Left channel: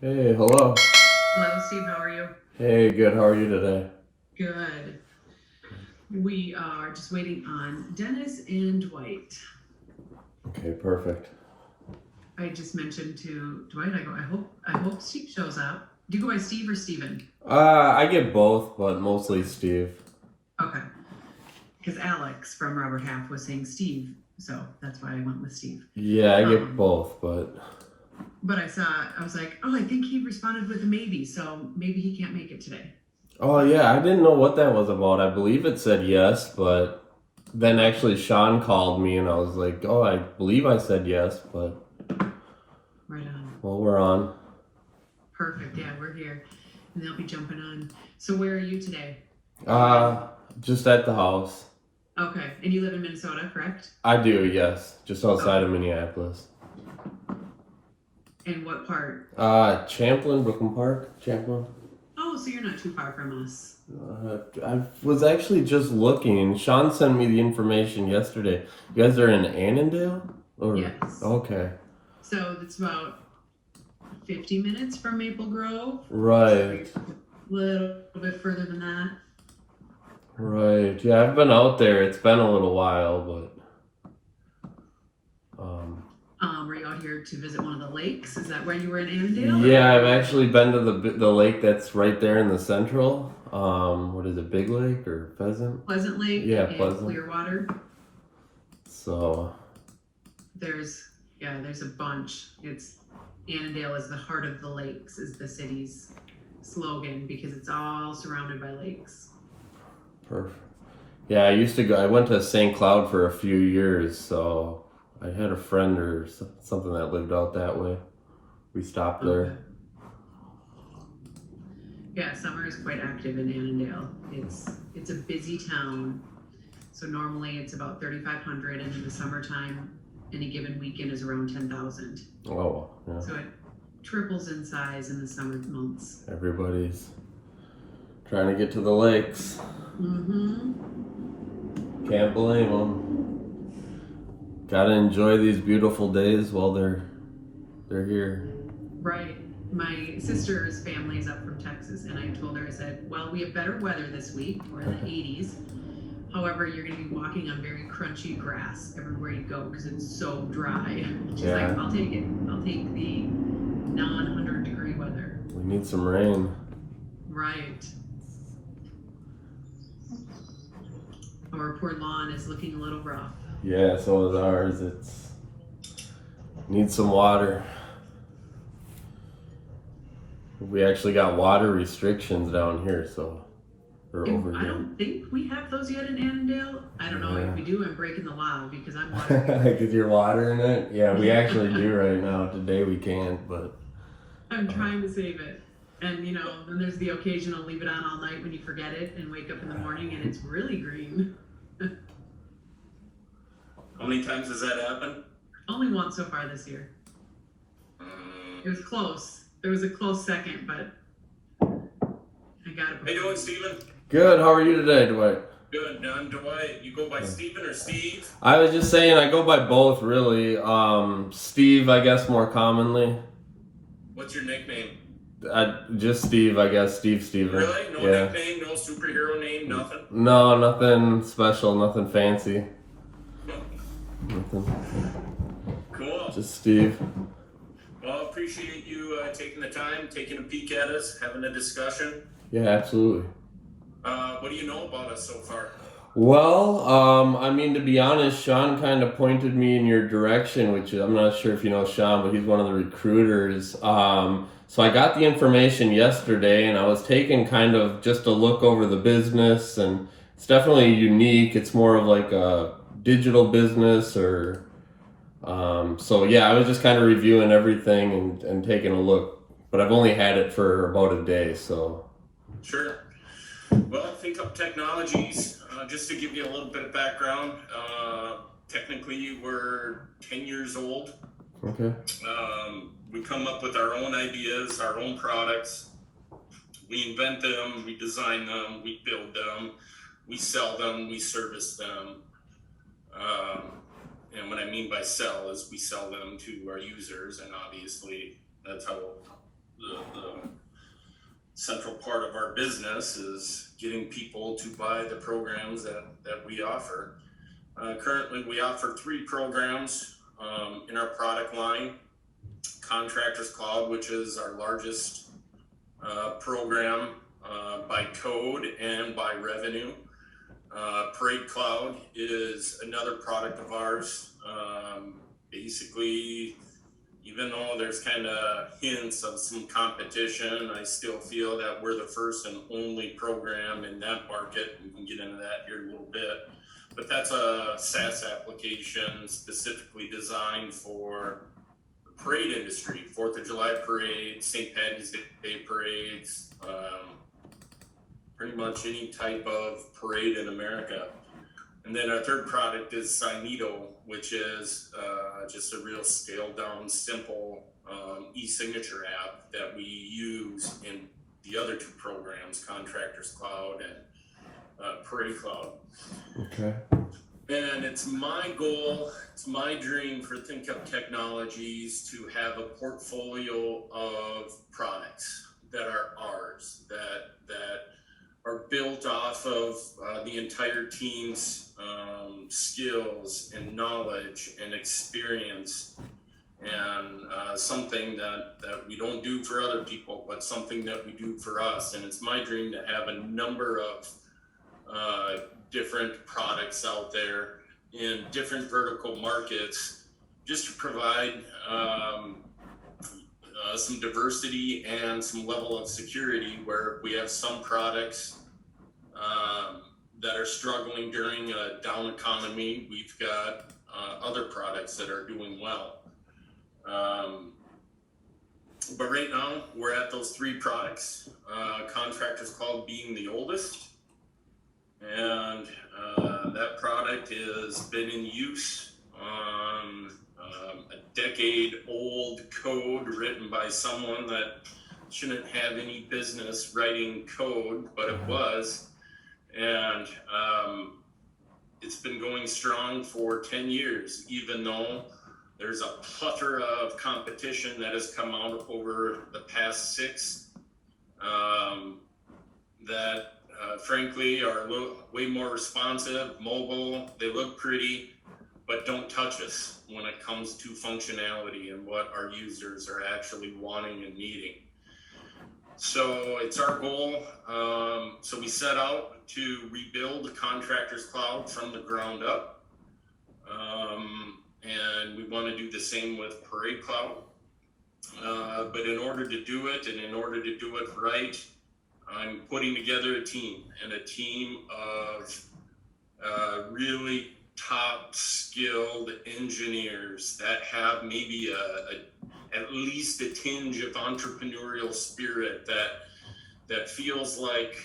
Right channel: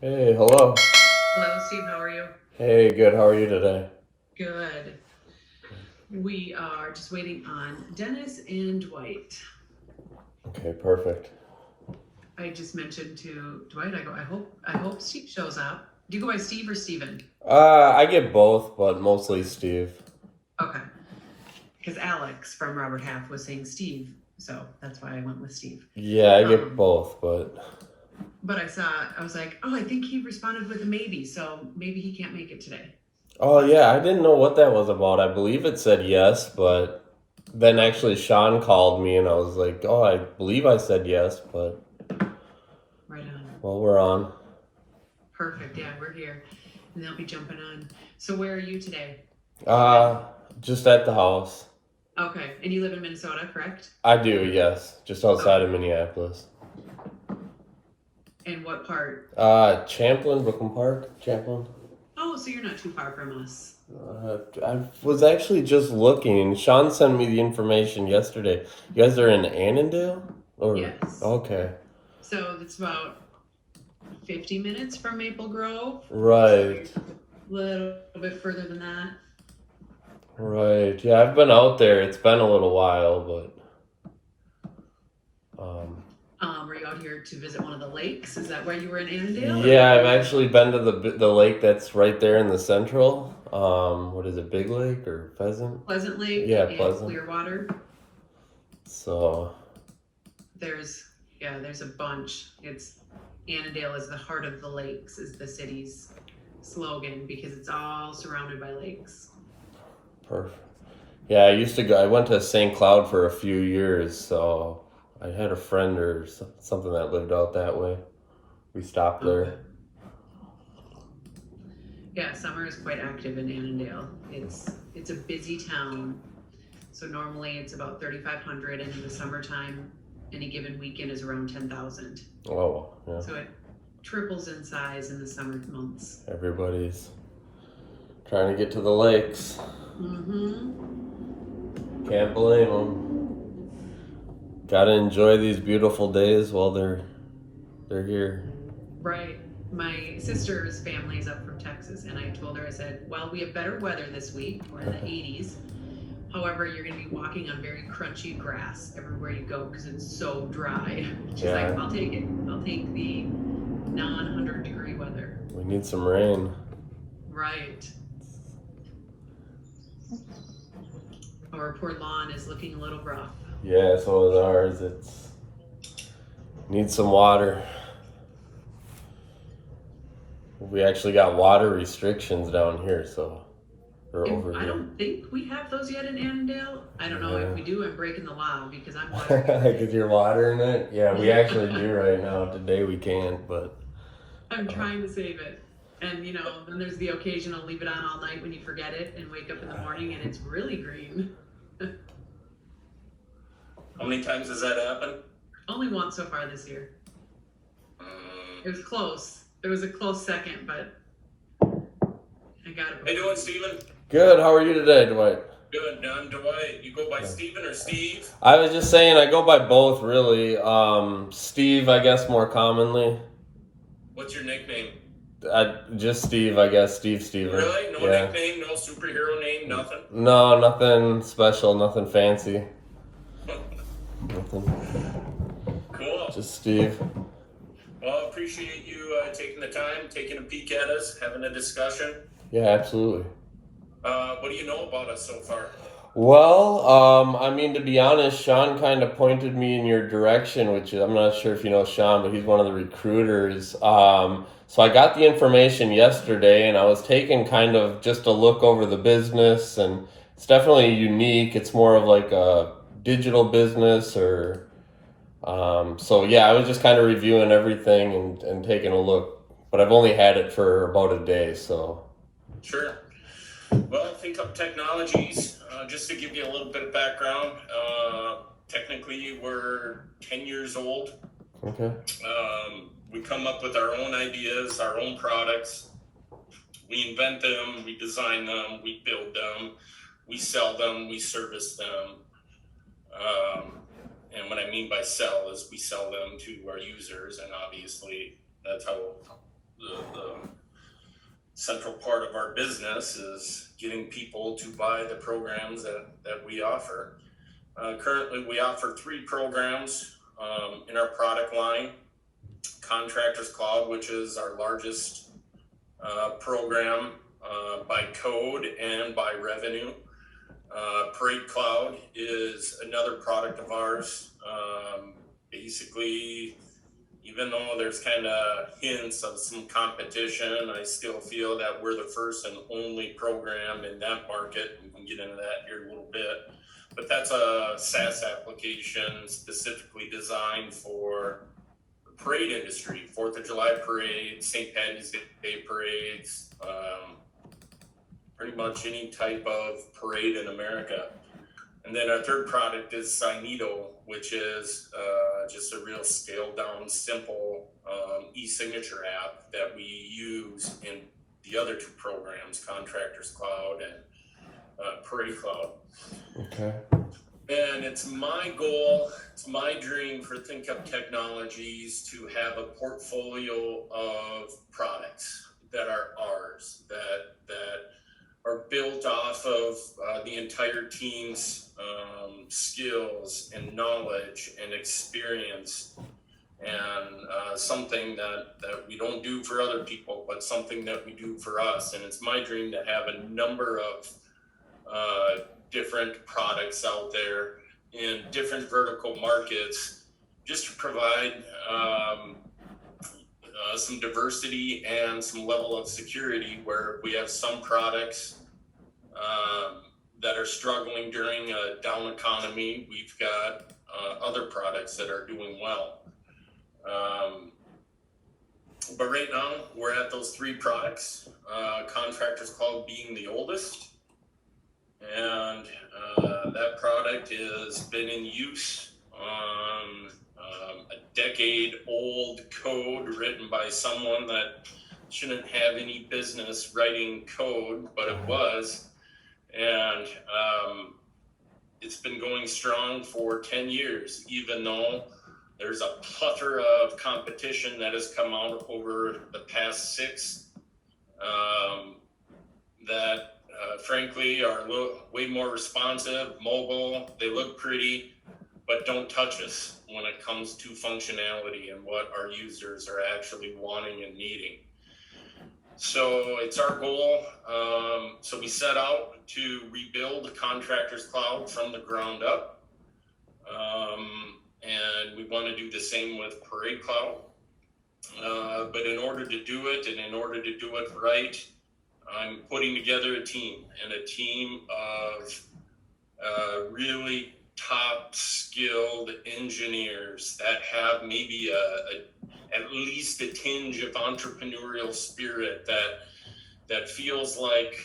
Hey, hello. Hello, Steve. How are you? Hey, good. How are you today? Good. We are just waiting on Dennis and Dwight. Okay, perfect. I just mentioned to Dwight, I hope Steve shows up. Do you go by Steve or Steven? I get both, but mostly Steve. Okay. Because Alex from Robert Half was saying Steve, so that's why I went with Steve. Yeah, I get Um, both, but but I was like, oh, I think he responded with a maybe, so maybe he can't make it today. oh yeah, I didn't know what that was about. I believe it said yes, but then Okay, actually Sean called me and I was like, "Oh, I believe I said yes, but right on. well, we're on." Perfect. Yeah, we're here, and they'll be jumping on. So where are you today? Are you in? Uh, just at the house. Okay, and you live in Minnesota, correct? I do, yes, just outside Okay. of Minneapolis. And what part? Champlin, Brooklyn Park, Champlin. Oh, so you're not too far from us. I was actually just looking. Sean sent me the information yesterday. You guys are in Annandale? Or Yes. okay. So it's about 50 minutes from Maple Grove. So Right. you're a little bit further than that. Right. Yeah, I've been out there. It's been a little while, but Were you out here to visit one of the lakes? Is that where you were in Annandale, or were yeah, I've you actually been to the lake that's right there in the central. What is it? Big Lake or Pheasant? Pleasant Lake Yeah, and Pleasant. Clearwater? So, There's there's a bunch. It's Annandale is the heart of the lakes is the city's slogan because it's all surrounded by lakes. perfect. Yeah, I used to go. I went to St. Cloud for a few years, so I had a friend or something that lived out that way. We stopped Okay. there. Yeah, summer is quite active in Annandale. It's a busy town. So normally it's about 3,500, and in the summertime, any given weekend is around 10,000. Oh, yeah. So it triples in size in the summer months. Everybody's trying to get to the lakes. Mm-hmm. Can't blame them. Gotta enjoy these beautiful days while they're here. Right. My sister's family is up from Texas, and I told her, I said, well, we have better weather this week. We're in the 80s. However, you're going to be walking on very crunchy grass everywhere you go because it's so dry. She's like, Yeah, I'll take it. I'll take the non-100-degree weather. we need some rain. Right. Our poor lawn is looking a little rough. Yeah, so is ours. It's needs some water. We actually got water restrictions down here, so or And over I here. don't think we have those yet in Annandale. I don't know if Yeah. we do. I'm breaking the law because I'm watering Because everything. you're watering it? Yeah, we actually do right now. Today we can't, but I'm trying to save it. And then there's the occasional leave it on all night when you forget it and wake up in the morning and it's really green. How many times has that happened? Only once so far this year. It was close. There was a close second, but I got it. How you doing, Steven? good. How are you today, Dwight? Good. Dwight. You go by Steven or Steve? I was just saying I go by both really. Steve, I guess more commonly. What's your nickname? Just Steve, I guess. Steve Steven. Really? No Yeah. nickname, no superhero name, nothing? No, nothing special, nothing fancy. Nothing. Cool. Just Steve. Well, I appreciate you taking the time, taking a peek at us, having a discussion. Yeah, absolutely. What do you know about us so far? Well, I mean, to be honest, Sean kind of pointed me in your direction, which is, I'm not sure if you know Sean, but he's one of the recruiters. So I got the information yesterday and I was taking kind of just a look over the business, and it's definitely unique. It's more of like a digital business so yeah, I was just kind of reviewing everything and taking a look, but I've only had it for about a day, so. Sure. Well, Think Up Technologies, just to give you a little bit of background, technically we're 10 years old. Okay. We come up with our own ideas, our own products. We invent them, we design them, we build them, we sell them, we service them. And what I mean by sell is we sell them to our users, and obviously that's how the central part of our business is getting people to buy the programs that we offer. Currently, we offer 3 programs in our product line. Contractors Cloud, which is our largest program by code and by revenue. Parade Cloud is another product of ours. Basically, even though there's kind of hints of some competition, I still feel that we're the first and only program in that market. We can get into that here in a little bit. But that's a SaaS application specifically designed for the parade industry, 4th of July parades, St. Patty's Day parades, pretty much any type of parade in America. And then our third product is Signeto, which is just a real scaled down, simple e-signature app that we use in the other 2 programs, Contractors Cloud and Parade Cloud. Okay. And it's my goal, it's my dream for Think Up Technologies to have a portfolio of products that are ours, that are built off of the entire team's skills and knowledge and experience, and something that we don't do for other people, but something that we do for us. And it's my dream to have a number of different products out there in different vertical markets, just to provide some diversity and some level of security, where we have some products that are struggling during a down economy. We've got other products that are doing well. But right now, we're at those 3 products. Contractors Cloud being the oldest. And that product has been in use on a decade-old code written by someone that shouldn't have any business writing code, but it was. And it's been going strong for 10 years, even though there's a plethora of competition that has come out over the past 6 that frankly are way more responsive, mobile, they look pretty, but don't touch us when it comes to functionality and what our users are actually wanting and needing. So it's our goal. So we set out to rebuild Contractors Cloud from the ground up. And we want to do the same with Parade Cloud. But in order to do it, and in order to do it right, I'm putting together a team of really top skilled engineers that have maybe at least a tinge of entrepreneurial spirit, that feels like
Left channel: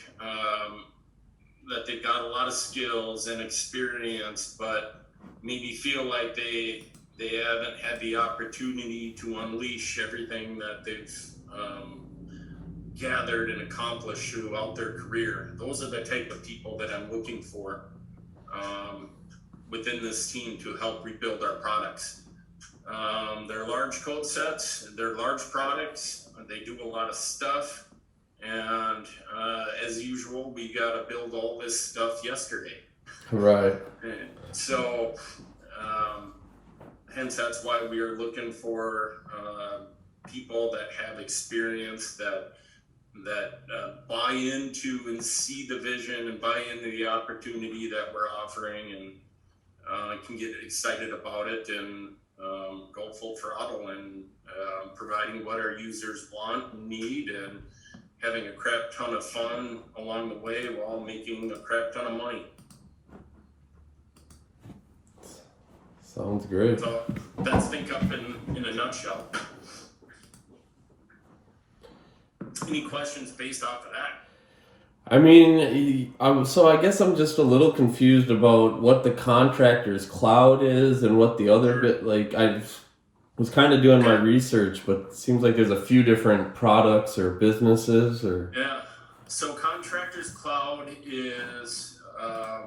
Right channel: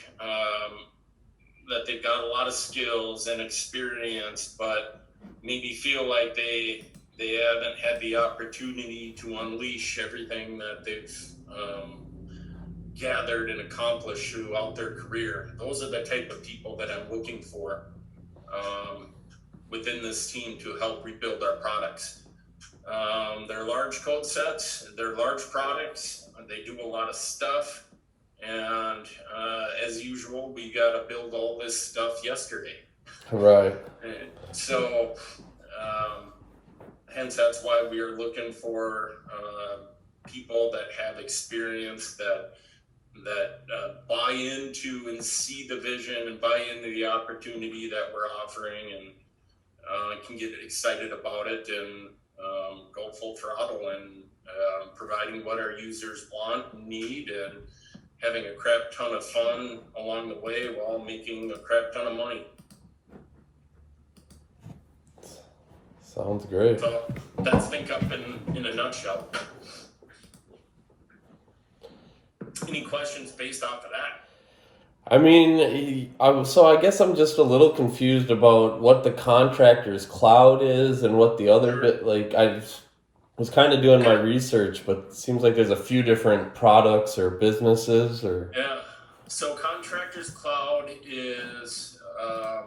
that they've got a lot of skills and experience, but maybe feel like they haven't had the opportunity to unleash everything that they've gathered and accomplished throughout their career. Those are the type of people that I'm looking for within this team to help rebuild our products. They're large code sets, they're large products, they do a lot of stuff, and as usual, we got to build all this stuff yesterday. Right. And so, hence that's why we are looking for people that have experience, that buy into and see the vision and buy into the opportunity that we're offering, and can get excited about it and go full throttle and providing what our users want and need, and having a crap ton of fun along the way while making a crap ton of money. Sounds great. So that's Think Up in a nutshell. Any questions based off of that? I mean, so I guess I'm just a little confused about what the Contractors Cloud is and what the other bit, like, I was kind of doing my research, but it seems like there's a few different products or businesses or... Yeah, so Contractors Cloud is a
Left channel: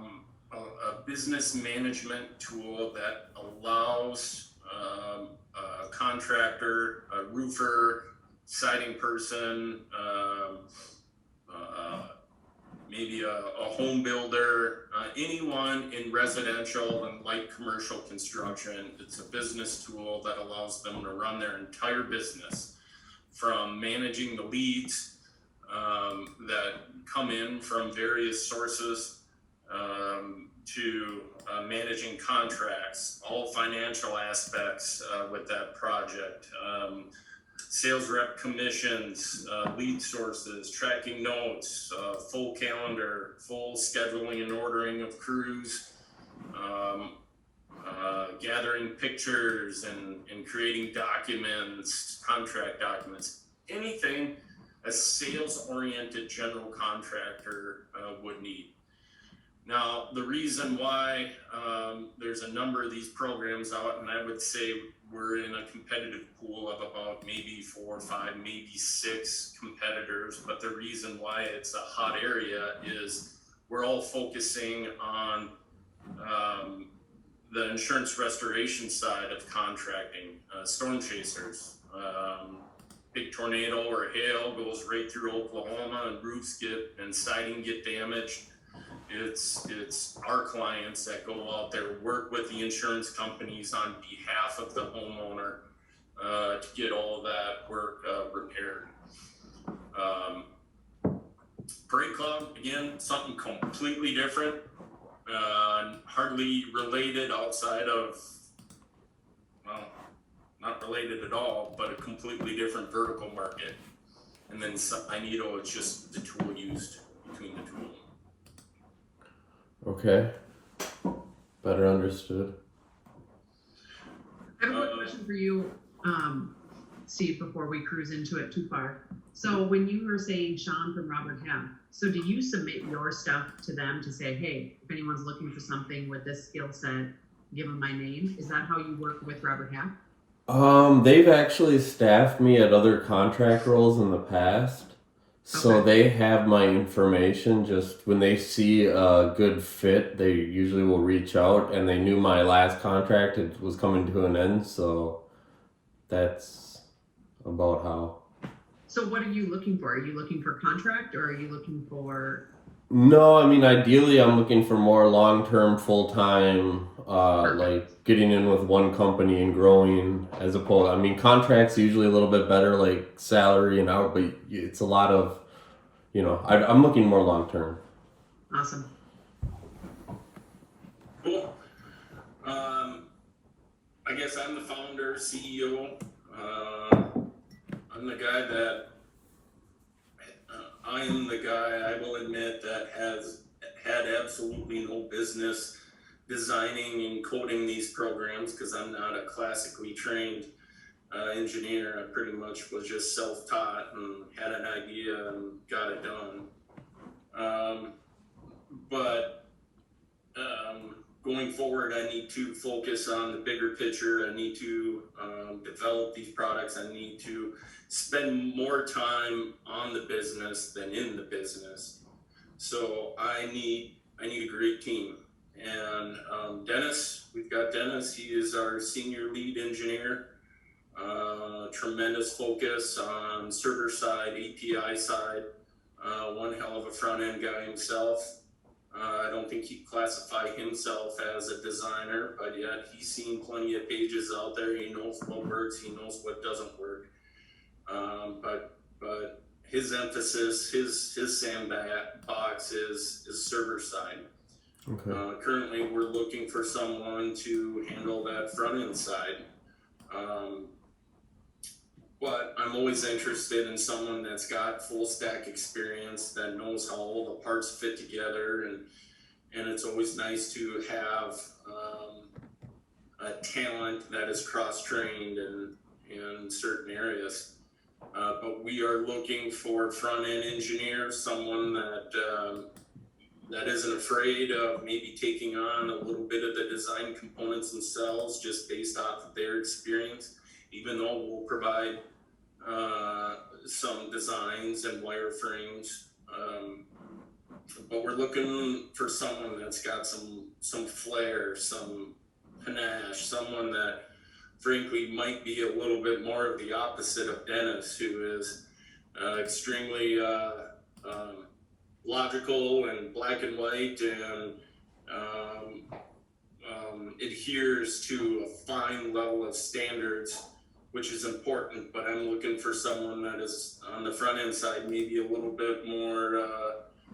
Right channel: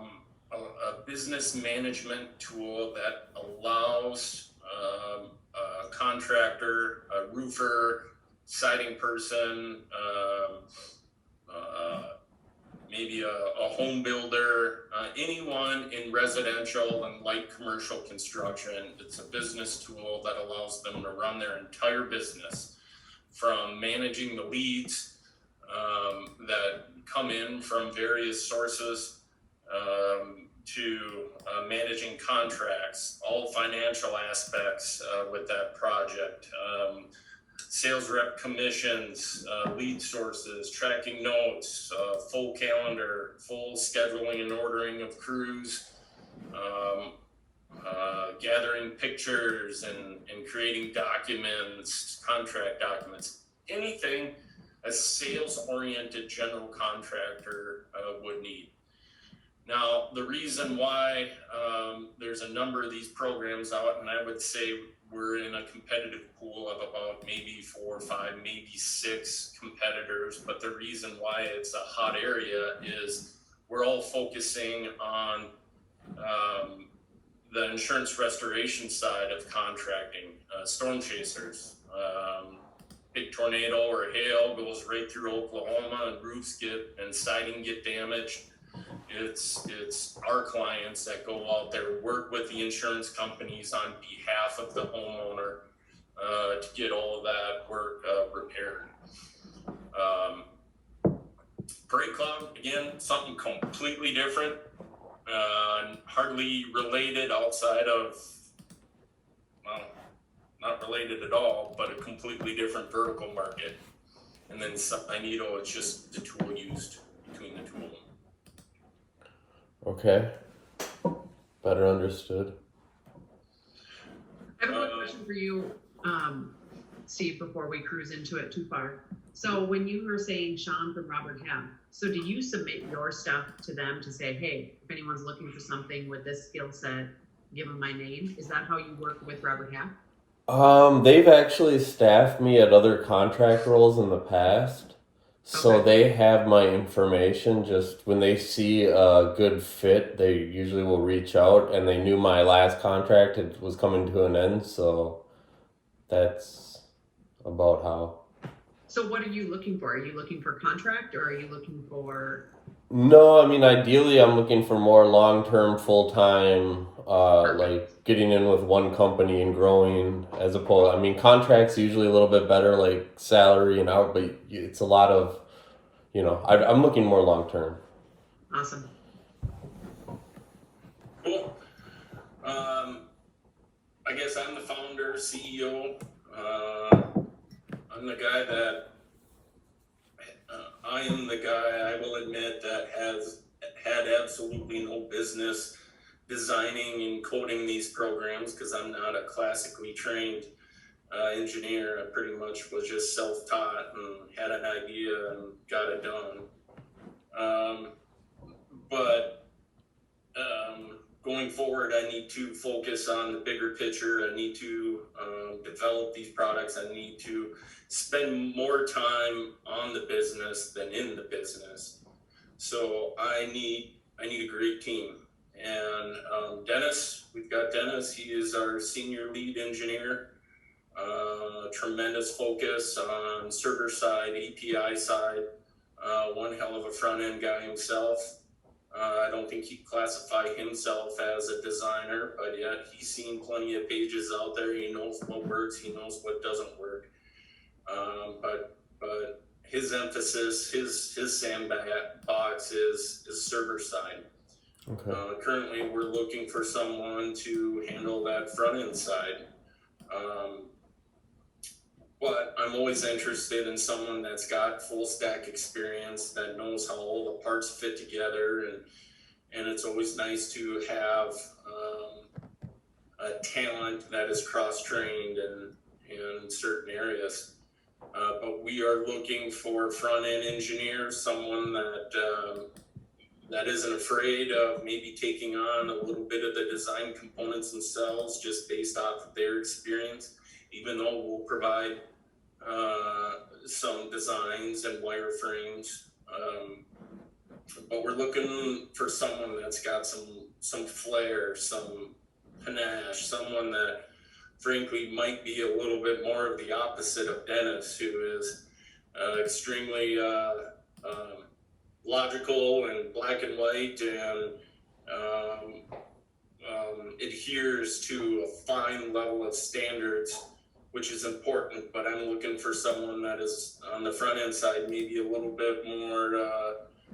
business management tool that allows a contractor, a roofer, siding person, maybe a home builder, anyone in residential and light commercial construction. It's a business tool that allows them to run their entire business, from managing the leads that come in from various sources, to managing contracts, all financial aspects with that project. Sales rep commissions, lead sources, tracking notes, full calendar, full scheduling and ordering of crews, gathering pictures and creating documents, contract documents, anything a sales-oriented general contractor would need. Now, the reason why there's a number of these programs out, and I would say we're in a competitive pool of about maybe 4 or 5, maybe 6 competitors, but the reason why it's a hot area is we're all focusing on the insurance restoration side of contracting. Storm chasers, big tornado or hail goes right through Oklahoma and roofs and siding get damaged. It's our clients that go out there, work with the insurance companies on behalf of the homeowner to get all of that work repaired. Parade Club, again, something completely different, hardly related outside of, well, not related at all, but a completely different vertical market. And then Magneto is just the tool used between the two of them. Okay. Better understood. I have a quick question for you, Steve, before we cruise into it too far. So when you were saying Sean from Robert Half, so do you submit your stuff to them to say, hey, if anyone's looking for something with this skill set, give them my name? Is that how you work with Robert Half? They've actually staffed me at other contract roles in the past. So Okay. they have my information. Just when they see a good fit, they usually will reach out, and they knew my last contract was coming to an end, so that's about how. So what are you looking for? Are you looking for contract, or are you looking for? No, I mean, ideally I'm looking for more long-term, full-time, Perfect. like getting in with one company and growing, as opposed, I mean, contracts usually a little bit better, like salary and out, but it's a lot of, I'm looking more long-term. Awesome. Cool. I guess I'm the founder, CEO. I'm the guy that I am the guy, I will admit, that has had absolutely no business designing and coding these programs, because I'm not a classically trained engineer. I pretty much was just self-taught and had an idea and got it done. But going forward, I need to focus on the bigger picture. I need to develop these products. I need to spend more time on the business than in the business. So I need a great team. And Dennis, we've got Dennis. He is our senior lead engineer. Tremendous focus on server side, API side. One hell of a front end guy himself. I don't think he'd classify himself as a designer, but yet he's seen plenty of pages out there. He knows what works. He knows what doesn't work. But his emphasis, his sandbox is server side. Okay. Currently, we're looking for someone to handle that front end side. But I'm always interested in someone that's got full stack experience, that knows how all the parts fit together, and it's always nice to have a talent that is cross-trained in certain areas. But we are looking for front-end engineers, someone that isn't afraid of maybe taking on a little bit of the design components themselves, just based off of their experience, even though we'll provide some designs and wireframes. But we're looking for someone that's got some flair, some panache, someone that frankly might be a little bit more of the opposite of Dennis, who is extremely logical and black and white, and adheres to a fine level of standards, which is important. But I'm looking for someone that is on the front end side, maybe a little bit more,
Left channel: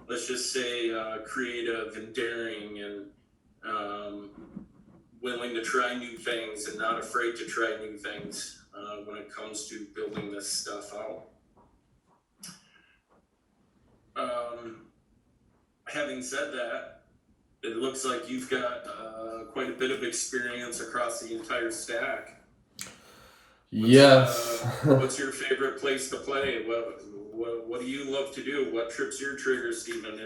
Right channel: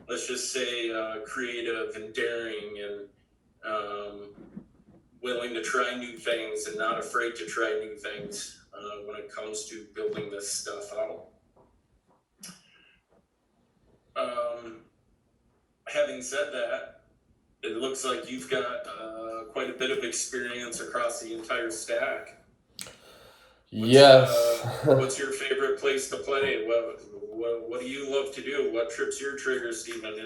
let's just say, creative and daring, and willing to try new things and not afraid to try new things when it comes to building this stuff out. Having said that, it looks like you've got quite a bit of experience across the entire stack. Yes. What's your favorite place to play? What do you love to do? What trips your trigger, Stephen?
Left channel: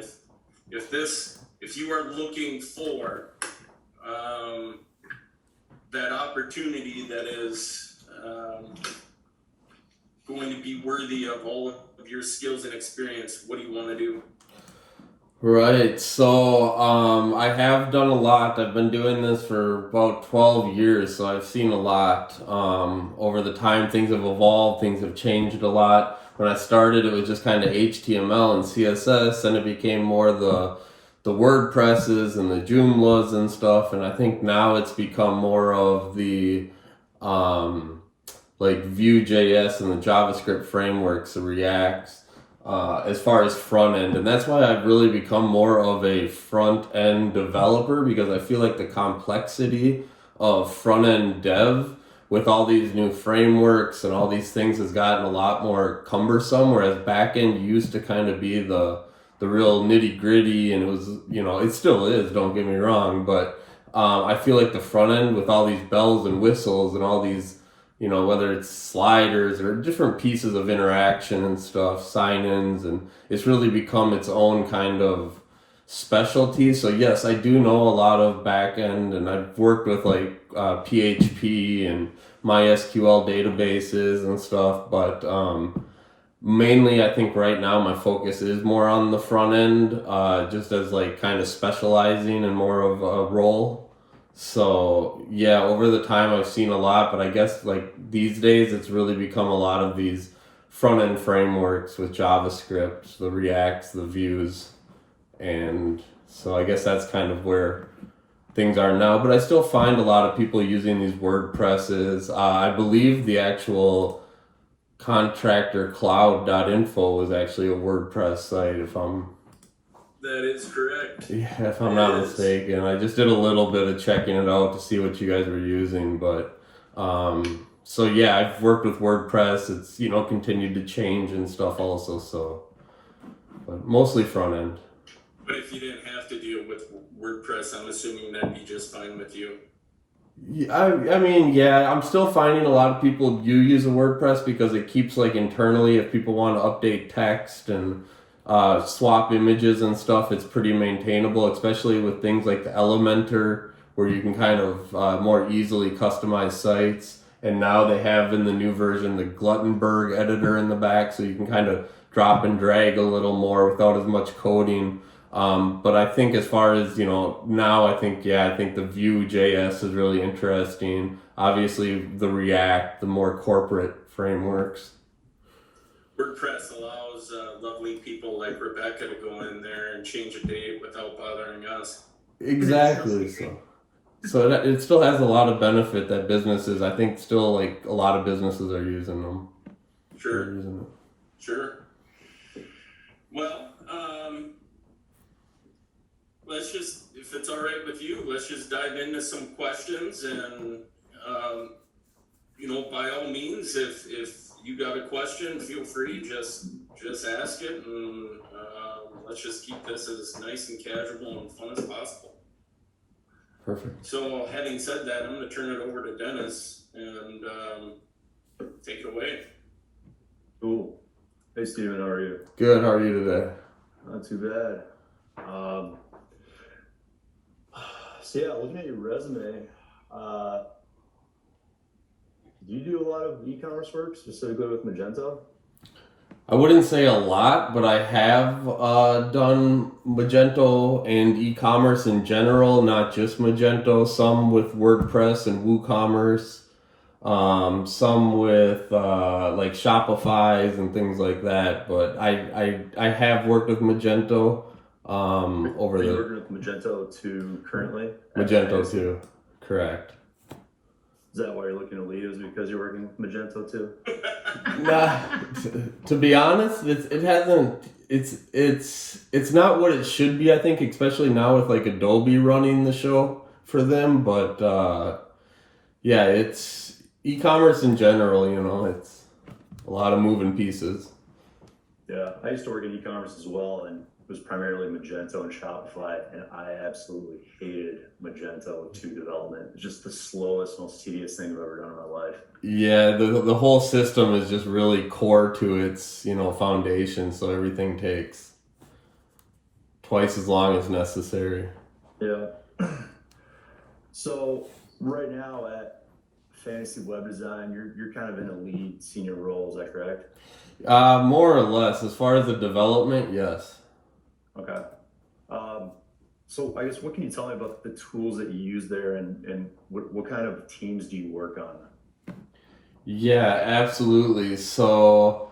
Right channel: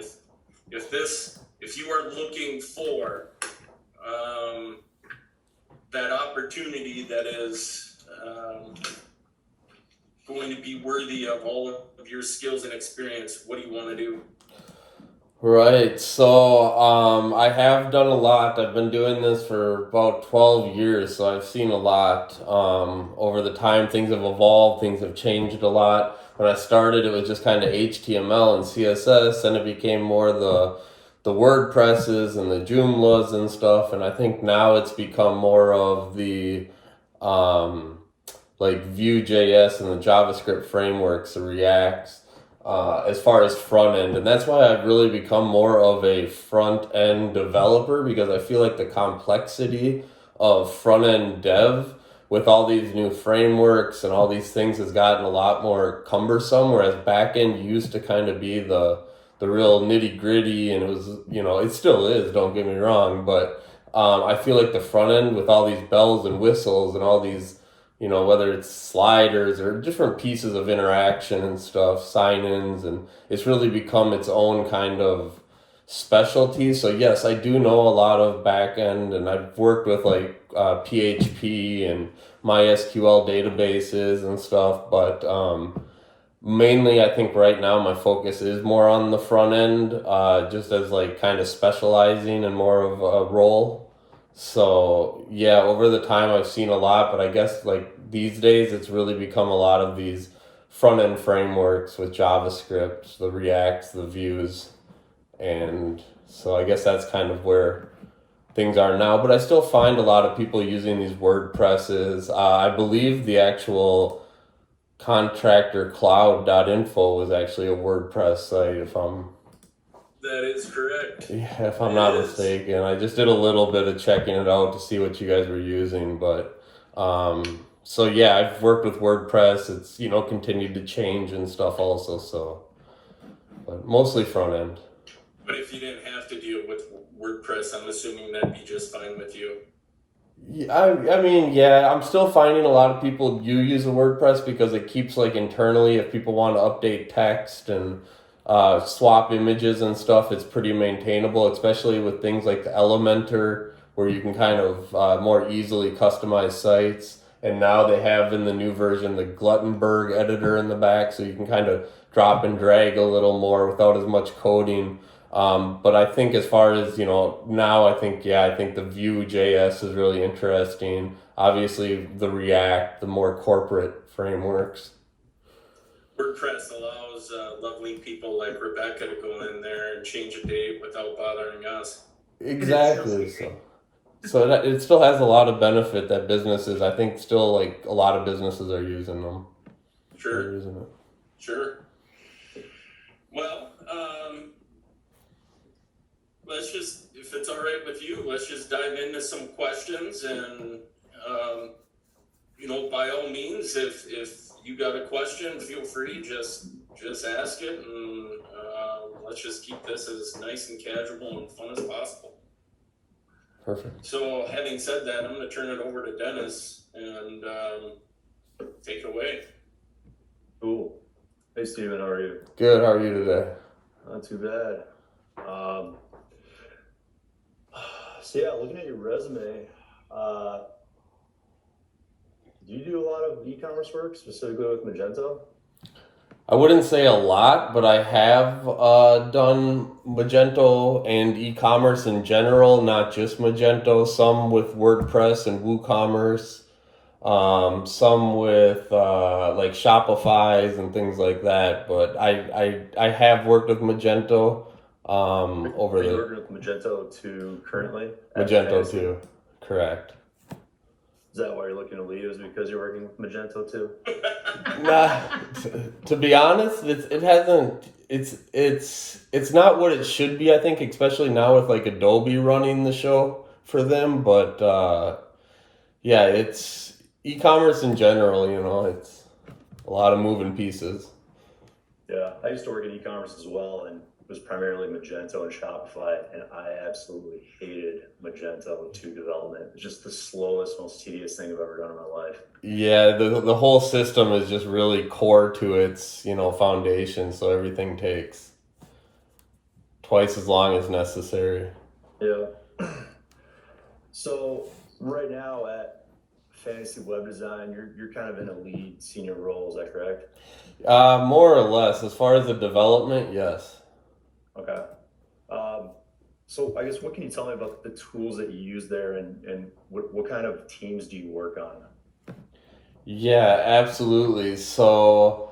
If you are looking for that opportunity that is going to be worthy of all of your skills and experience, what do you want to do? Right. So I have done a lot. I've been doing this for about 12 years, so I've seen a lot. Over the time, things have evolved, things have changed a lot. When I started, it was just kind of HTML and CSS, and it became more the WordPresses and the Joomlas and stuff. And I think now it's become more of the like Vue.js and the JavaScript frameworks, the Reacts. As far as front end, and that's why I've really become more of a front end developer, because I feel like the complexity of front end dev with all these new frameworks and all these things has gotten a lot more cumbersome, whereas back end used to kind of be the real nitty gritty, and it was, it still is, don't get me wrong, but I feel like the front end with all these bells and whistles and all these, whether it's sliders or different pieces of interaction and stuff, sign-ins, and it's really become its own kind of specialty. So yes, I do know a lot of back-end, and I've worked with like PHP and MySQL databases and stuff, but mainly I think right now my focus is more on the front end, just as like kind of specializing in more of a role. So yeah, over the time I've seen a lot, but I guess like these days it's really become a lot of these front end frameworks with JavaScript, the Reacts, the Vues, and so I guess that's kind of where things are now. But I still find a lot of people using these WordPresses. I believe the actual contractorcloud.info was actually a WordPress site, That is correct. yeah, if I'm not mistaken. I just did a little bit of checking it out to see what you guys were using, but so yeah, I've worked with WordPress. It's continued to change and stuff also, so but mostly front end. But if you didn't have to deal with WordPress, I'm assuming that'd be just fine with you. Yeah, I mean, yeah, I'm still finding a lot of people do use a WordPress because it keeps like internally, if people want to update text and swap images and stuff, it's pretty maintainable, especially with things like the Elementor, where you can kind of more easily customize sites. And now they have in the new version the Gutenberg editor in the back, so you can kind of drop and drag a little more without as much coding. But I think as far as, now I think the Vue.js is really interesting. Obviously the React, the more corporate frameworks. WordPress allows lovely people like Rebecca to go in there and change a date without bothering us. Exactly. So it still has a lot of benefit that businesses, I think still like a lot of businesses are using them. Sure. Sure. Well, let's just, if it's all right with you, let's just dive into some questions, and by all means, if you got a question, feel free, just ask it, and let's just keep this as nice and casual and fun as possible. Perfect. So having said that, I'm going to turn it over to Dennis and take it away. Cool. Hey Steven, how are you? Good, how are you today? Not too bad. So yeah, looking at your resume, do you do a lot of e-commerce work, specifically with Magento? I wouldn't say a lot, but I have done Magento and e-commerce in general, not just Magento, some with WordPress and WooCommerce. some with like Shopify's and things like that. But I have worked with Magento over Are you the working with Magento 2 currently? at Magento Fantasy? too. Correct. Is that why you're looking to leave? Is it because you're working with Magento 2? Nah, to be honest, it hasn't. It's not what it should be. I think, especially now with like Adobe running the show for them. But yeah, it's e-commerce in general. You know, it's a lot of moving pieces. Yeah, I used to work in e-commerce as well, and it was primarily Magento and Shopify, and I absolutely hated Magento 2 development. It's just the slowest, most tedious thing I've ever done in my life. Yeah, the whole system is just really core to its foundation. So everything takes twice as long as necessary. Yeah. So right now at Fantasy Web Design, you're kind of in a lead senior role, is that correct? More or less, as far as the development, yes. Okay. So I guess what can you tell me about the tools that you use there, and what kind of teams do you work on? Yeah, absolutely. So,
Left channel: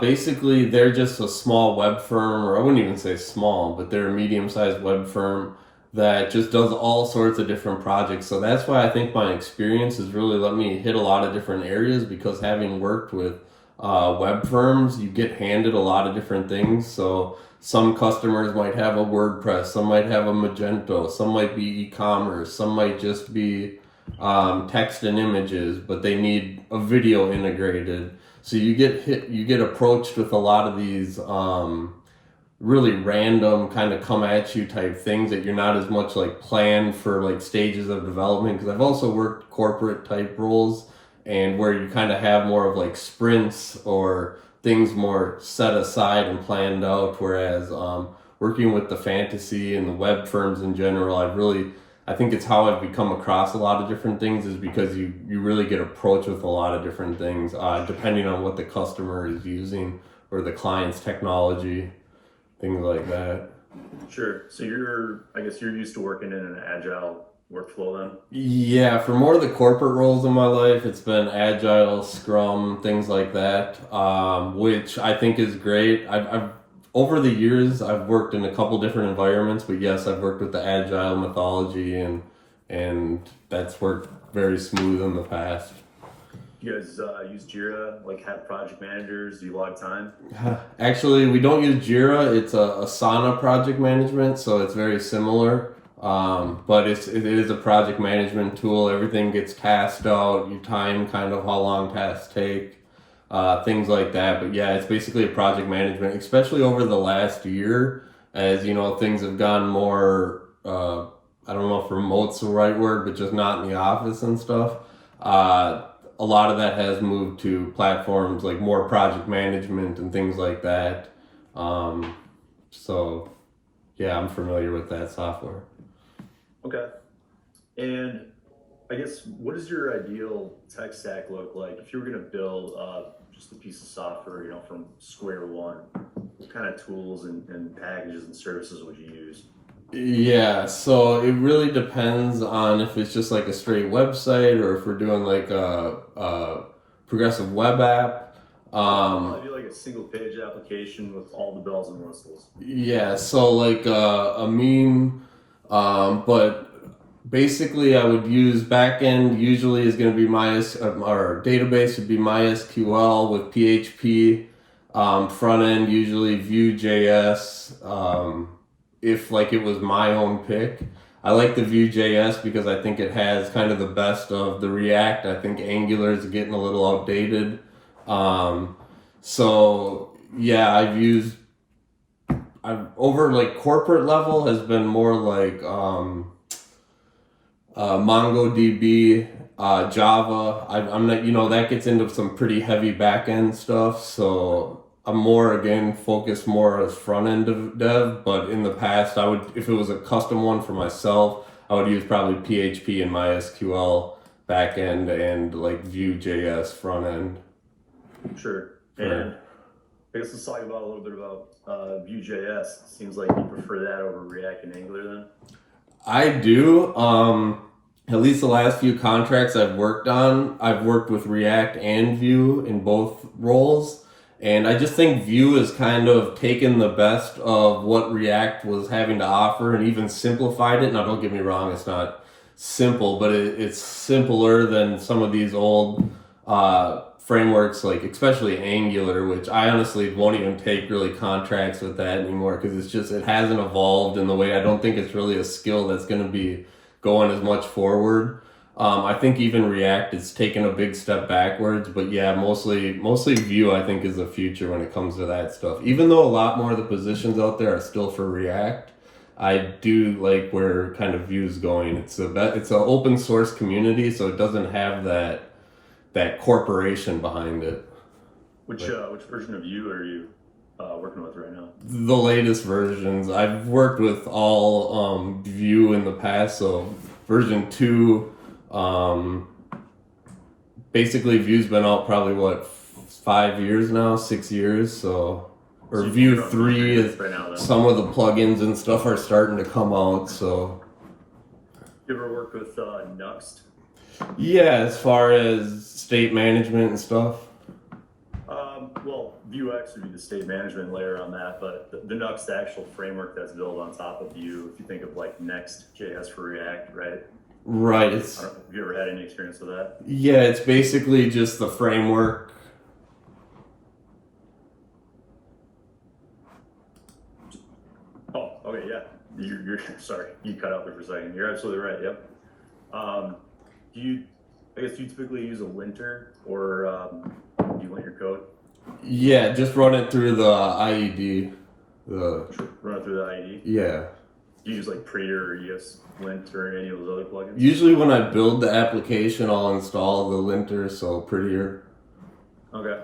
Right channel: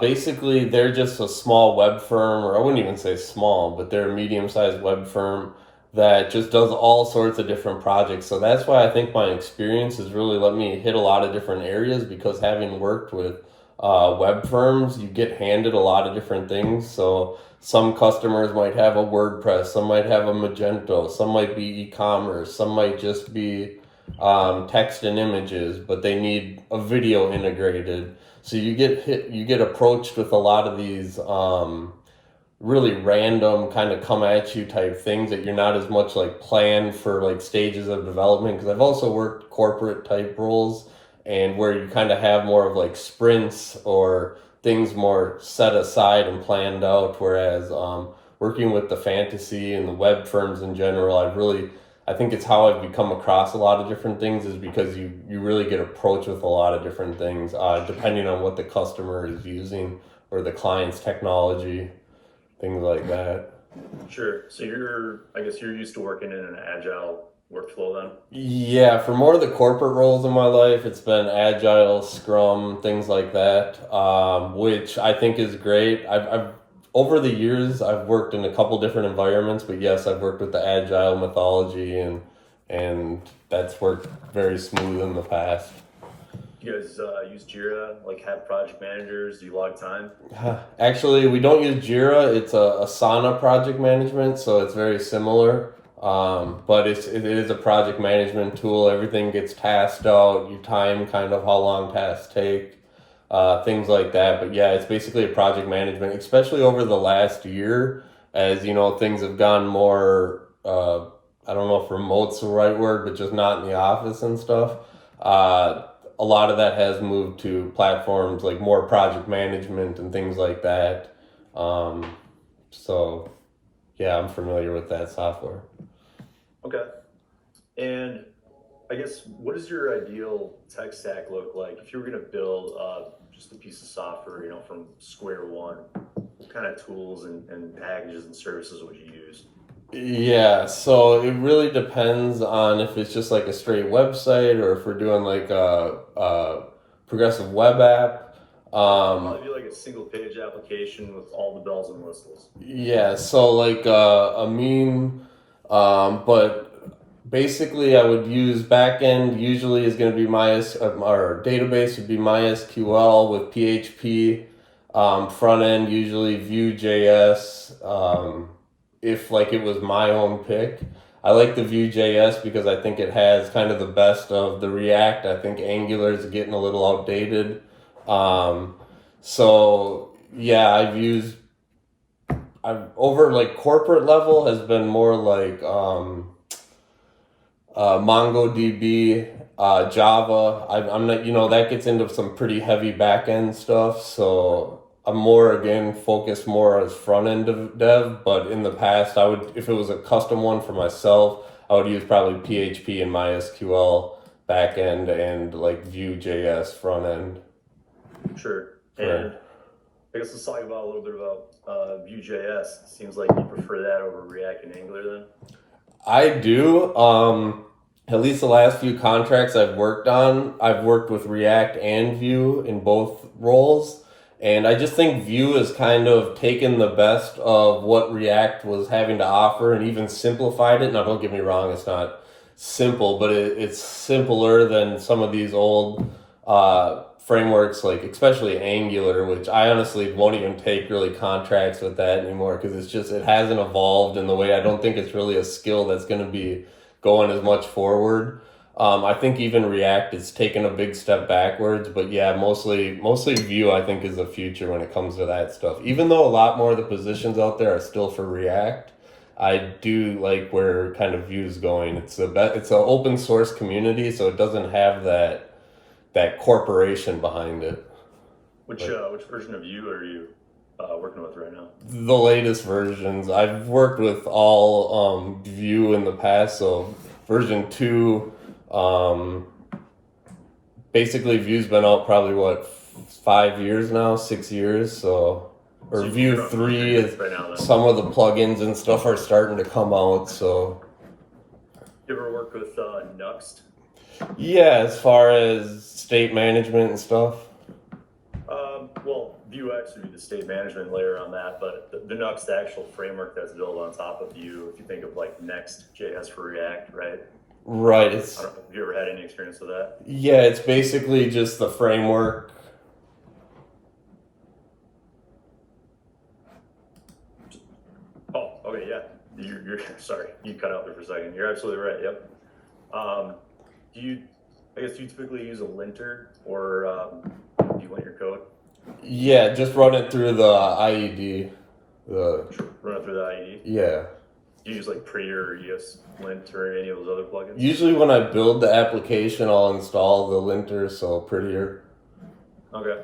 basically, they're just a small web firm, or I wouldn't even say small, but they're a medium-sized web firm that just does all sorts of different projects. So that's why I think my experience has really let me hit a lot of different areas because having worked with web firms, you get handed a lot of different things. So some customers might have a WordPress, some might have a Magento, some might be e-commerce, some might just be text and images, but they need a video integrated. So you get approached with a lot of these really random kind of come at you type things that you're not as much like planned for like stages of development. Because I've also worked corporate type roles and where you kind of have more of like sprints or things more set aside and planned out. Whereas working with the fantasy and the web firms in general, I think it's how I've become across a lot of different things is because you really get approached with a lot of different things depending on what the customer is using or the client's technology, things like that. Sure. So I guess you're used to working in an agile workflow then? Yeah, for more of the corporate roles in my life, it's been agile, scrum, things like that, which I think is great. I've over the years I've worked in a couple different environments, but yes, I've worked with the agile methodology and that's worked very smooth in the past. You guys use Jira, like have project managers? Do you log time? Actually, we don't use Jira. It's a Asana project management, so it's very similar. But it is a project management tool. Everything gets tasked out. You time kind of how long tasks take, things like that. But yeah, it's basically a project management, especially over the last year, as things have gone more. I don't know if remote's the right word, but just not in the office and stuff. A lot of that has moved to platforms like more project management and things like that. So yeah, I'm familiar with that software. Okay. And I guess what does your ideal tech stack look like if you were going to build just a piece of software, from square one? What kind of tools and packages and services would you use? Yeah, so it really depends on if it's just like a straight website or if we're doing like a progressive web app. Probably be like a single page application with all the bells and whistles. Yeah, so like a meme, but basically I would use backend usually is going to be our database would be MySQL with PHP. Front end usually Vue.js. If like it was my own pick, I like the Vue.js because I think it has kind of the best of the React. I think Angular is getting a little outdated. So yeah, I've over like corporate level has been more like MongoDB, Java. I'm not, that gets into some pretty heavy back end stuff. So I'm more again focused more as front end dev. But in the past, I would, if it was a custom one for myself, I would use probably PHP and MySQL back end and like Vue.js front end. Sure. Right. And I guess let's talk about a little bit about Vue.js. Seems like you prefer that over React and Angular then? I do. at least the last few contracts I've worked on, I've worked with React and Vue in both roles. And I just think Vue has kind of taken the best of what React was having to offer and even simplified it. Now, don't get me wrong, it's not simple, but it's simpler than some of these old frameworks, like especially Angular, which I honestly won't even take really contracts with that anymore because it hasn't evolved in the way. I don't think it's really a skill that's going to be going as much forward. I think even React is taking a big step backwards, but yeah, mostly Vue I think is the future when it comes to that stuff. Even though a lot more of the positions out there are still for React, I do like where kind of Vue's going. It's an open source community, so it doesn't have that corporation behind it. Which version of Vue are you working with right now? The latest versions. I've worked with all Vue in the past, so version 2. Basically, Vue's been out probably 5 years now, 6 years. So Vue 3 is right now, then. Some of the plugins and stuff are starting to come out. So You ever work with Nuxt? yeah, as far as state management and stuff. Well, Vuex would be the state management layer on that, but the Nuxt, the actual framework that's built on top of Vue, if you think of like Next.js for React, right? Right. Have you ever had any experience with that? Yeah, it's basically just the framework. Oh, okay, yeah. You're sorry, you cut out there for a second. You're absolutely right. Yep. Do you typically use a linter or do you lint your code? Yeah, just run it through the IED. Run it through the IED. Yeah. Do you use like Prettier or ESLint or any of those other plugins? Usually when I build the application, I'll install the linter, so Prettier. Okay.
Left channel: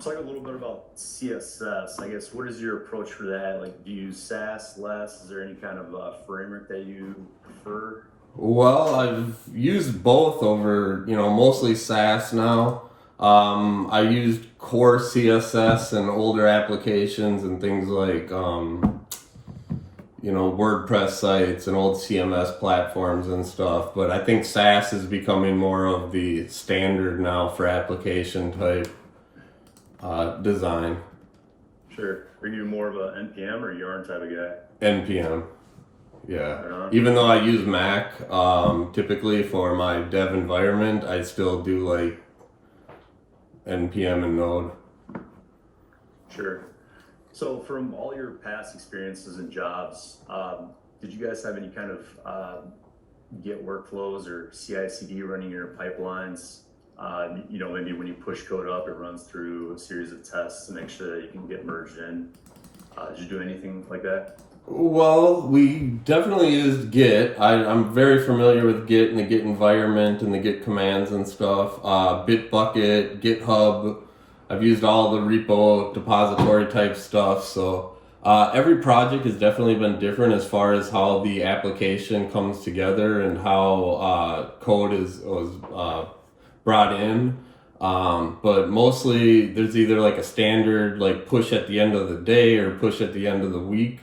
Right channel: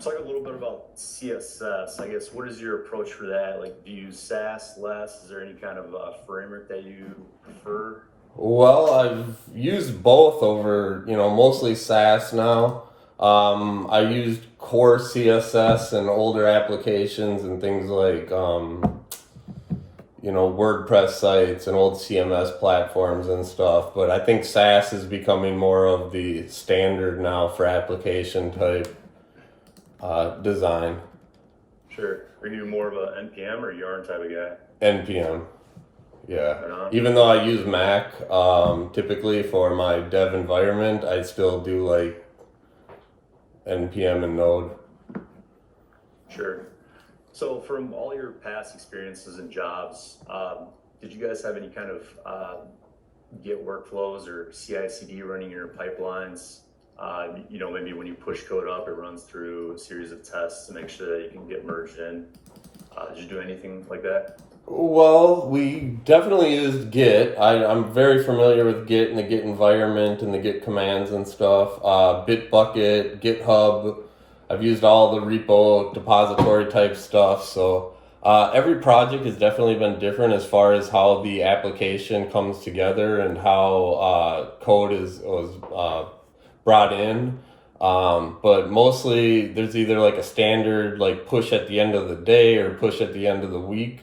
Talk a little bit about CSS. I guess, what is your approach for that? Like, do you use Sass less? Is there any kind of framework that you prefer? Well, I've used both over, mostly Sass now. I used core CSS in older applications and things like, WordPress sites and old CMS platforms and stuff. But I think Sass is becoming more of the standard now for application type design. Sure. Are you more of a NPM or Yarn type of guy? NPM. Yeah. Right. Even though I use Mac typically for my dev environment, I still do like NPM and Node. Sure. So from all your past experiences and jobs, did you guys have any kind of Git workflows or CI/CD running in your pipelines? Maybe when you push code up, it runs through a series of tests to make sure that you can get merged in. Did you do anything like that? Well, we definitely used Git. I'm very familiar with Git and the Git environment and the Git commands and stuff. Bitbucket, GitHub. I've used all the repo depository type stuff. So every project has definitely been different as far as how the application comes together and how code was brought in. But mostly there's either like a standard like push at the end of the day or push at the end of the week.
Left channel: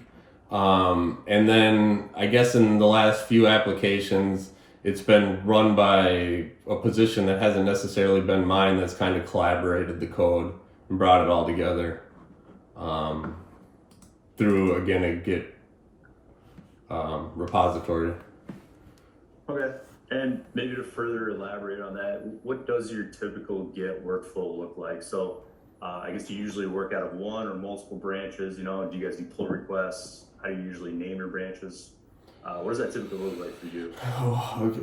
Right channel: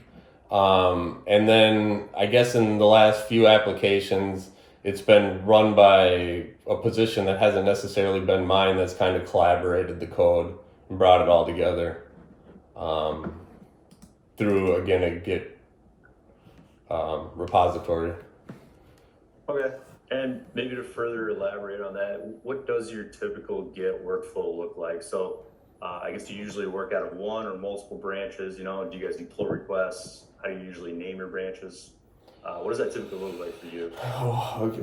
And then I guess in the last few applications, it's been run by a position that hasn't necessarily been mine that's kind of collaborated the code and brought it all together through, again, a Git repository. Okay. And maybe to further elaborate on that, what does your typical Git workflow look like? So I guess you usually work out of one or multiple branches, do you guys do pull requests? How do you usually name your branches? What does that typically look like for you? Oh, okay.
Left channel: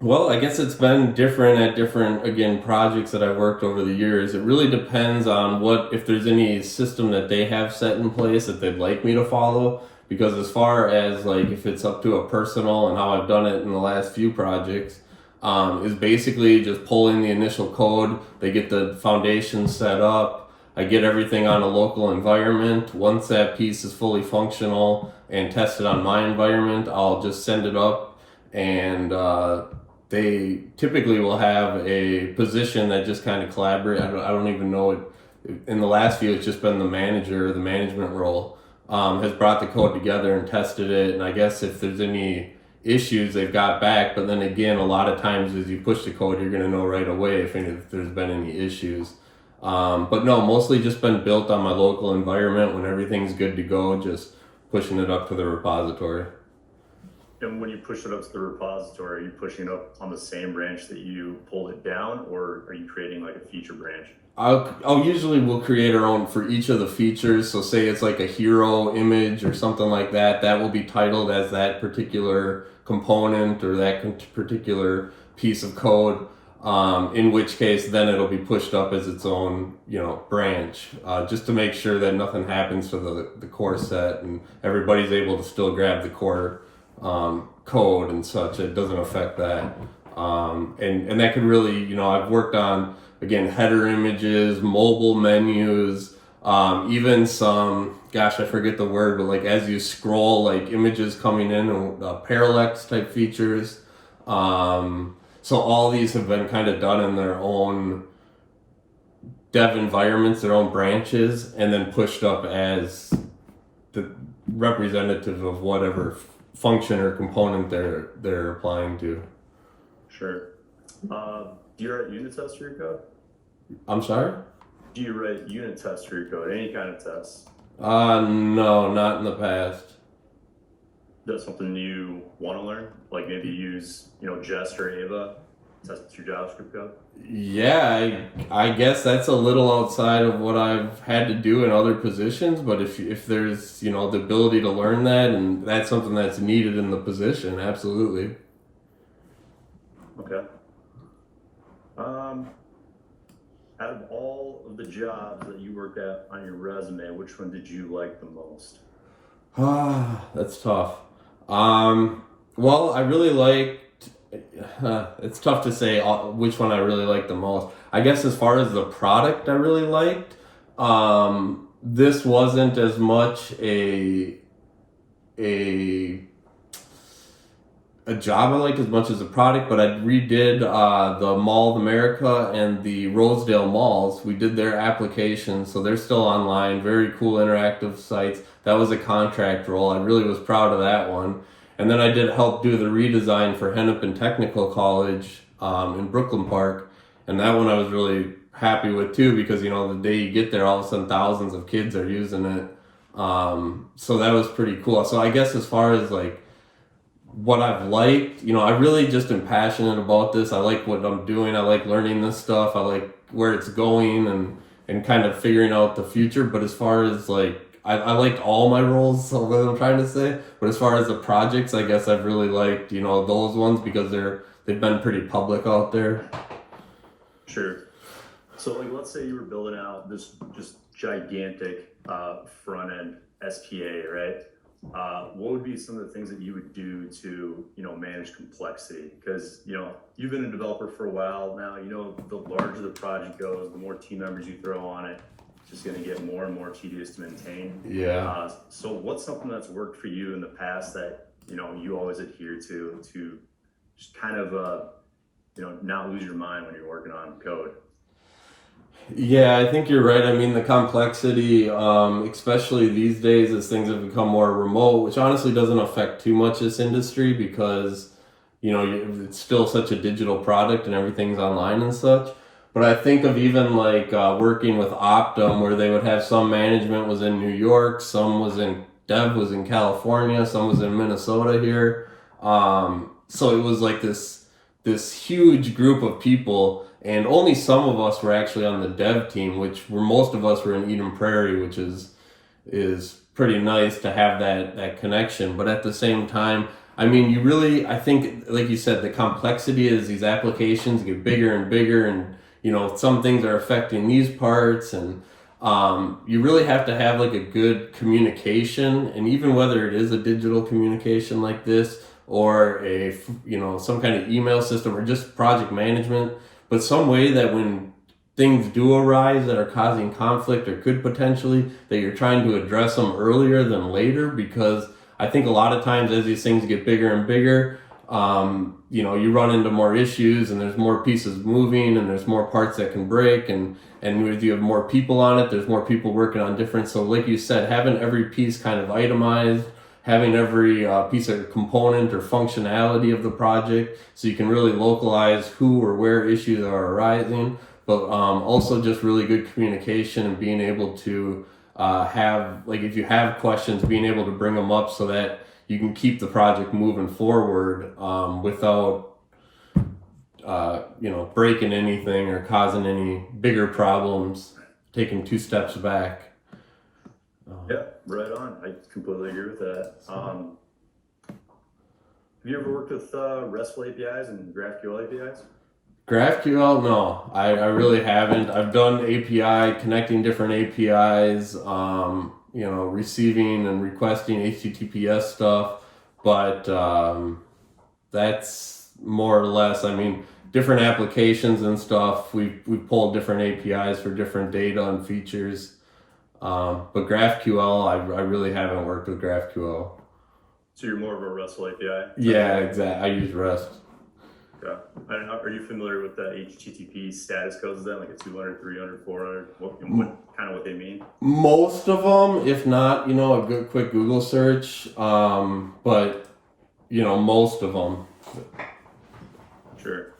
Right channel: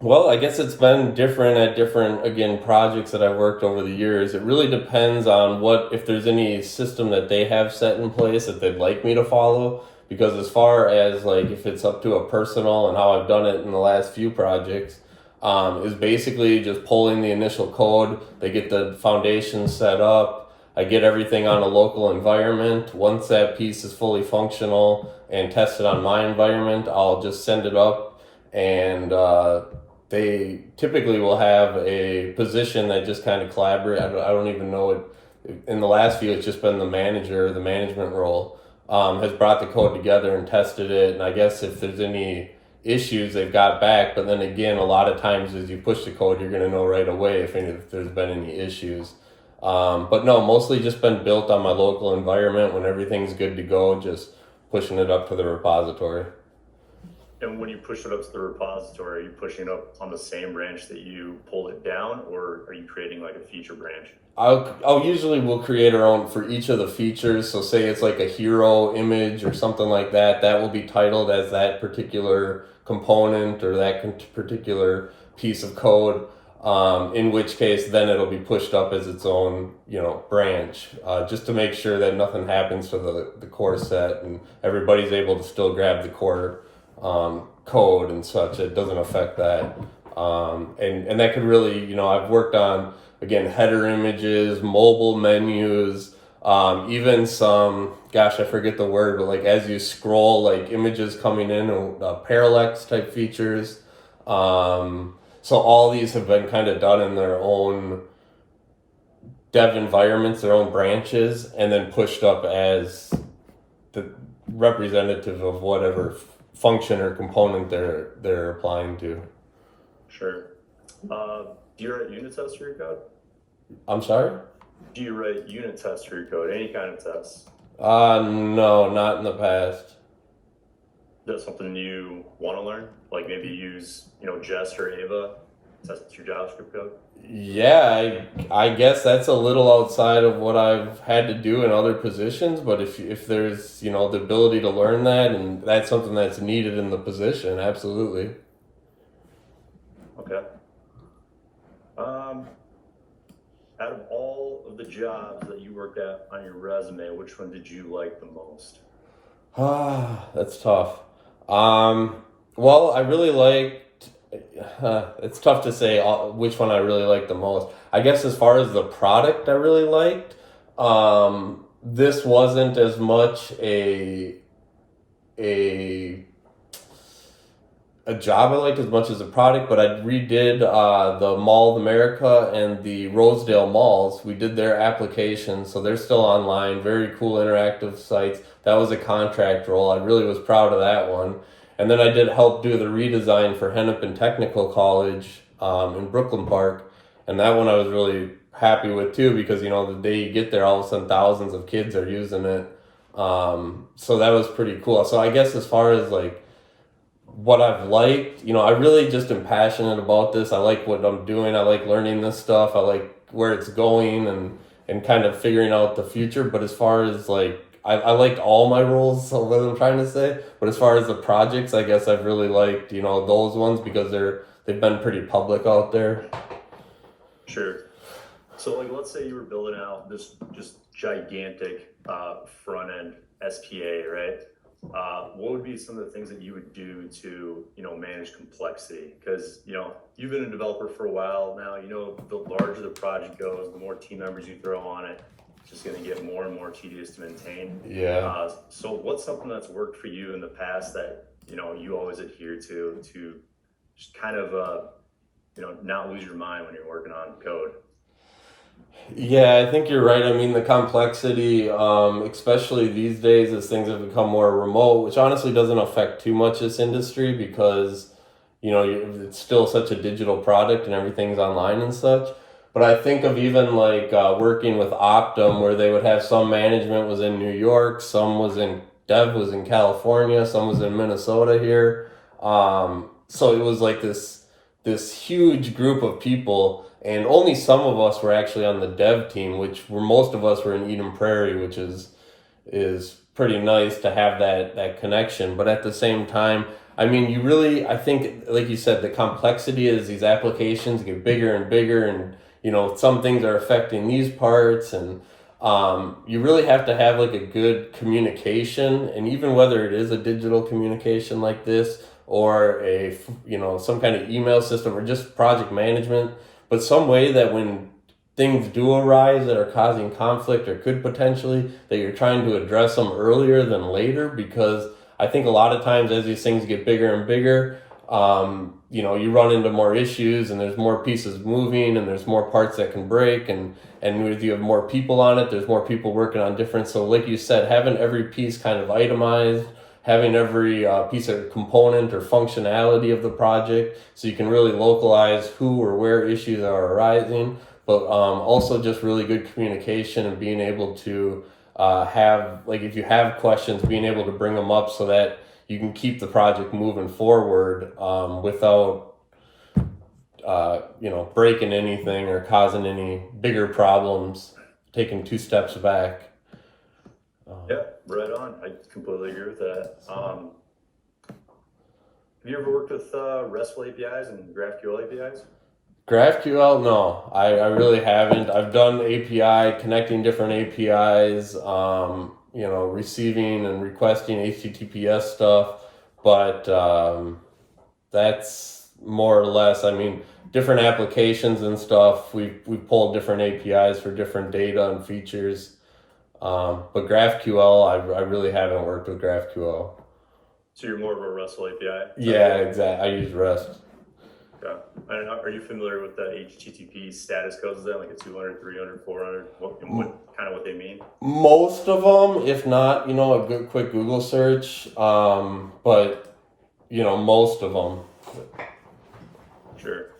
Well, I guess it's been different at different, again, projects that I've worked over the years. It really depends on if there's any system that they have set in place that they'd like me to follow. Because as far as like if it's up to a personal and how I've done it in the last few projects, is basically just pulling the initial code. They get the foundation set up. I get everything on a local environment. Once that piece is fully functional and tested on my environment, I'll just send it up, and they typically will have a position that just kind of collaborate. I don't even know it. In the last few, it's just been the manager, the management role, has brought the code together and tested it. And I guess if there's any issues they've got back. But then again, a lot of times as you push the code, you're going to know right away if there's been any issues. But no, mostly just been built on my local environment. When everything's good to go, just pushing it up to the repository. And when you push it up to the repository, are you pushing it up on the same branch that you pulled it down, or are you creating like a feature branch? I'll usually we'll create our own for each of the features. So say it's like a hero image or something like that. That will be titled as that particular component or that particular piece of code. In which case, then it'll be pushed up as its own, branch, just to make sure that nothing happens to the core set and everybody's able to still grab the core code and such. It doesn't affect that. And that could really, I've worked on, again, header images, mobile menus, even some, gosh, I forget the word, but like as you scroll, like images coming in, parallax type features. So all these have been kind of done in their own dev environments, their own branches, and then pushed up as the representative of whatever function or component they're applying to. Sure. Do you write unit tests for your code? I'm sorry? Do you write unit tests for your code? Any kind of tests? No, not in the past. That's something you want to learn? Like maybe use, Jest or Ava, test your JavaScript code? Yeah, I guess that's a little outside of what I've had to do in other positions, but if there's, the ability to learn that and that's something that's needed in the position, absolutely. Okay. Out of all of the jobs that you worked at on your resume, which one did you like the most? That's tough. Well, I really liked, it's tough to say which one I really liked the most. I guess as far as the product I really liked, this wasn't as much a job I liked as much as a product, but I redid the Mall of America and the Rosedale malls. We did their applications, so they're still online. Very cool interactive sites. That was a contract role. I really was proud of that one. And then I did help do the redesign for Hennepin Technical College in Brooklyn Park, and that one I was really happy with too, because the day you get there, all of a sudden thousands of kids are using it. So that was pretty cool. So I guess as far as like what I've liked, I really just am passionate about this. I like what I'm doing. I like learning this stuff. I like where it's going and kind of figuring out the future. But as far as like, I liked all my roles, so what I'm trying to say. But as far as the projects, I guess I've really liked, those ones because they've been pretty public out there. Sure. So like, let's say you were building out this just gigantic front end SPA, right? What would be some of the things that you would do to, manage complexity? Because, you've been a developer for a while now, the larger the project goes, the more team members you throw on it, it's just going to get more and more tedious to maintain. Yeah. So what's something that's worked for you in the past that, you always adhere to just kind of, not lose your mind when you're working on code? Yeah, I think you're right. I mean, the complexity, especially these days as things have become more remote, which honestly doesn't affect too much this industry because, it's still such a digital product and everything's online and such. But I think of even like working with Optum, where they would have some management was in New York, some dev was in California, some was in Minnesota here. So it was like this huge group of people. And only some of us were actually on the dev team, most of us were in Eden Prairie, which is pretty nice to have that connection. But at the same time, I mean, I think, like you said, the complexity is these applications get bigger and bigger, and some things are affecting these parts, and you really have to have like a good communication, and even whether it is a digital communication like this or some kind of email system or just project management. But some way that when things do arise that are causing conflict or could potentially, that you're trying to address them earlier than later, because I think a lot of times as these things get bigger and bigger, you run into more issues and there's more pieces moving and there's more parts that can break, and if you have more people on it, there's more people working on different. So like you said, having every piece kind of itemized having every piece of component or functionality of the project, so you can really localize who or where issues are arising, but also just really good communication and being able to have, like, if you have questions, being able to bring them up so that you can keep the project moving forward without breaking anything or causing any bigger problems, taking 2 steps back. Yeah, right on. I completely agree with that. Have you ever worked with RESTful APIs and GraphQL APIs? GraphQL, no, I really haven't. I've done API, connecting different APIs, receiving and requesting HTTPS stuff, but that's more or less, I mean, different applications and stuff. We pulled different APIs for different data and features. But GraphQL, I really haven't worked with GraphQL. So you're more of a RESTful API? Yeah, exactly. I use REST. Okay. I don't know, are you familiar with the HTTP status codes then, like a 200, 300, 400? What kind of what they mean? Most of them, if not, a good quick Google search. But most of them. Sure.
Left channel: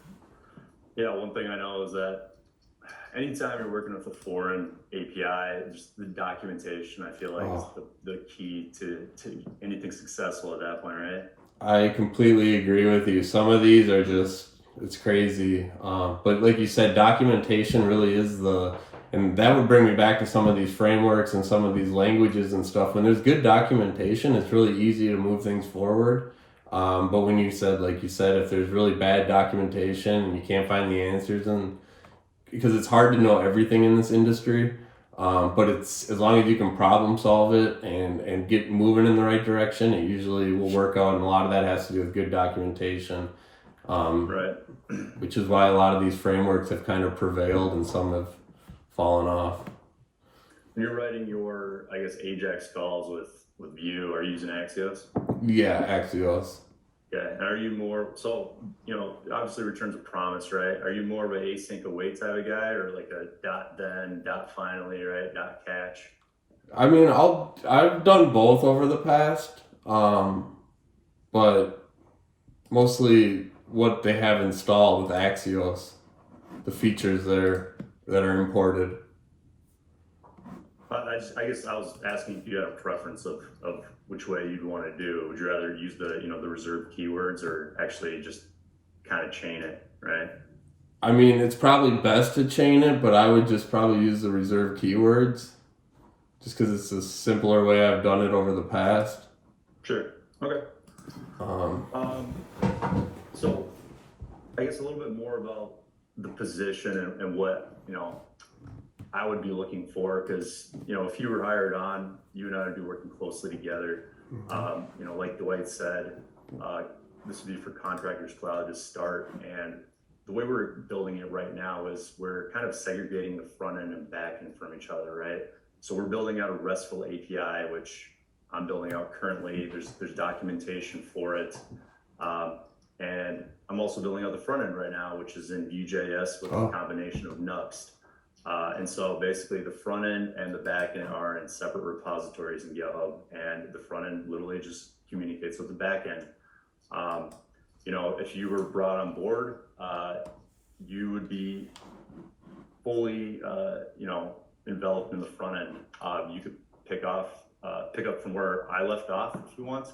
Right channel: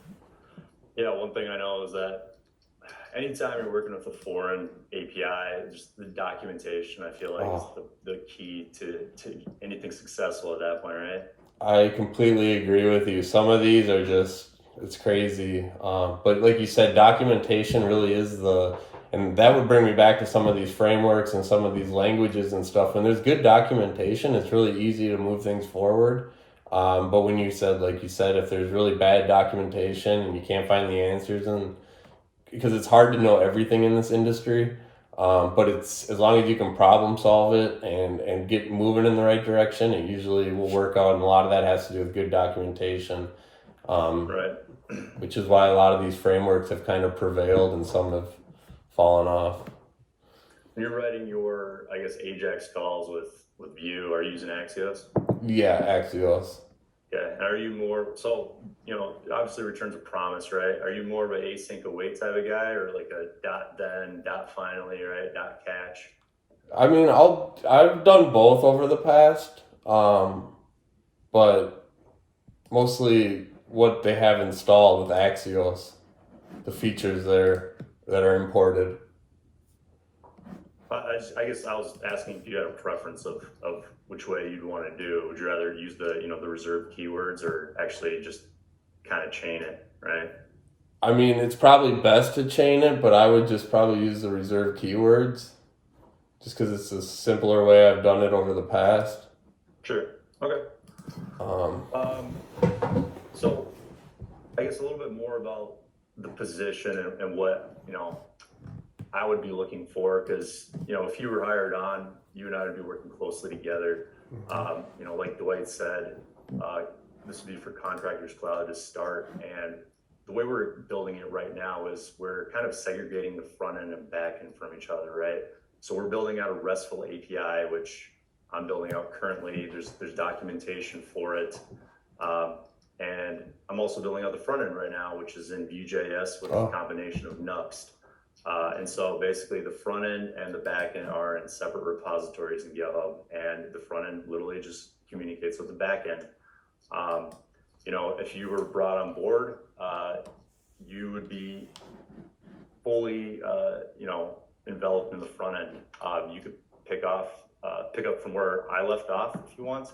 Yeah, one thing I know is that anytime you're working with a foreign API, just the documentation, I feel like is the key to anything successful at that point, right? I completely agree with you. Some of these are it's crazy. But like you said, documentation really is and that would bring me back to some of these frameworks and some of these languages and stuff. When there's good documentation, it's really easy to move things forward. But when like you said, if there's really bad documentation and you can't find the answers, because it's hard to know everything in this industry, but it's, as long as you can problem solve it and get moving in the right direction, it usually will work out. And a lot of that has to do with good documentation, Right. which is why a lot of these frameworks have kind of prevailed and some have fallen off. When you're writing your, I guess, Ajax calls with Vue, are you using Axios? Yeah, Axios. Yeah, and are you more, so, obviously returns a promise, right? Are you more of an async await type of guy, or like a dot then, dot finally, right? Dot catch? I mean, I've done both over the past, but mostly what they have installed with Axios, the features that are imported. I guess I was asking if you had a preference of which way you'd want to do. Would you rather use the, the reserved keywords, or actually just kind of chain it, right? I mean, it's probably best to chain it, but I would just probably use the reserved keywords, just because it's a simpler way I've done it over the past. Sure. Okay. So I guess a little bit more about the position and what, I would be looking for, because, if you were hired on, you and I would be working closely together. Like Dwight said, this would be for Contractors Cloud to start. And the way we're building it right now is we're kind of segregating the front end and back end from each other, right? So we're building out a RESTful API, which I'm building out currently. There's documentation for it. And I'm also building out the front end right now, which is in Vue.js with a combination of Nuxt. And so basically the front end and the back end are in separate repositories in GitHub, and the front end literally just communicates with the back end. If you were brought on board, you would be fully, enveloped in the front end. You could pick up from where I left off if you want.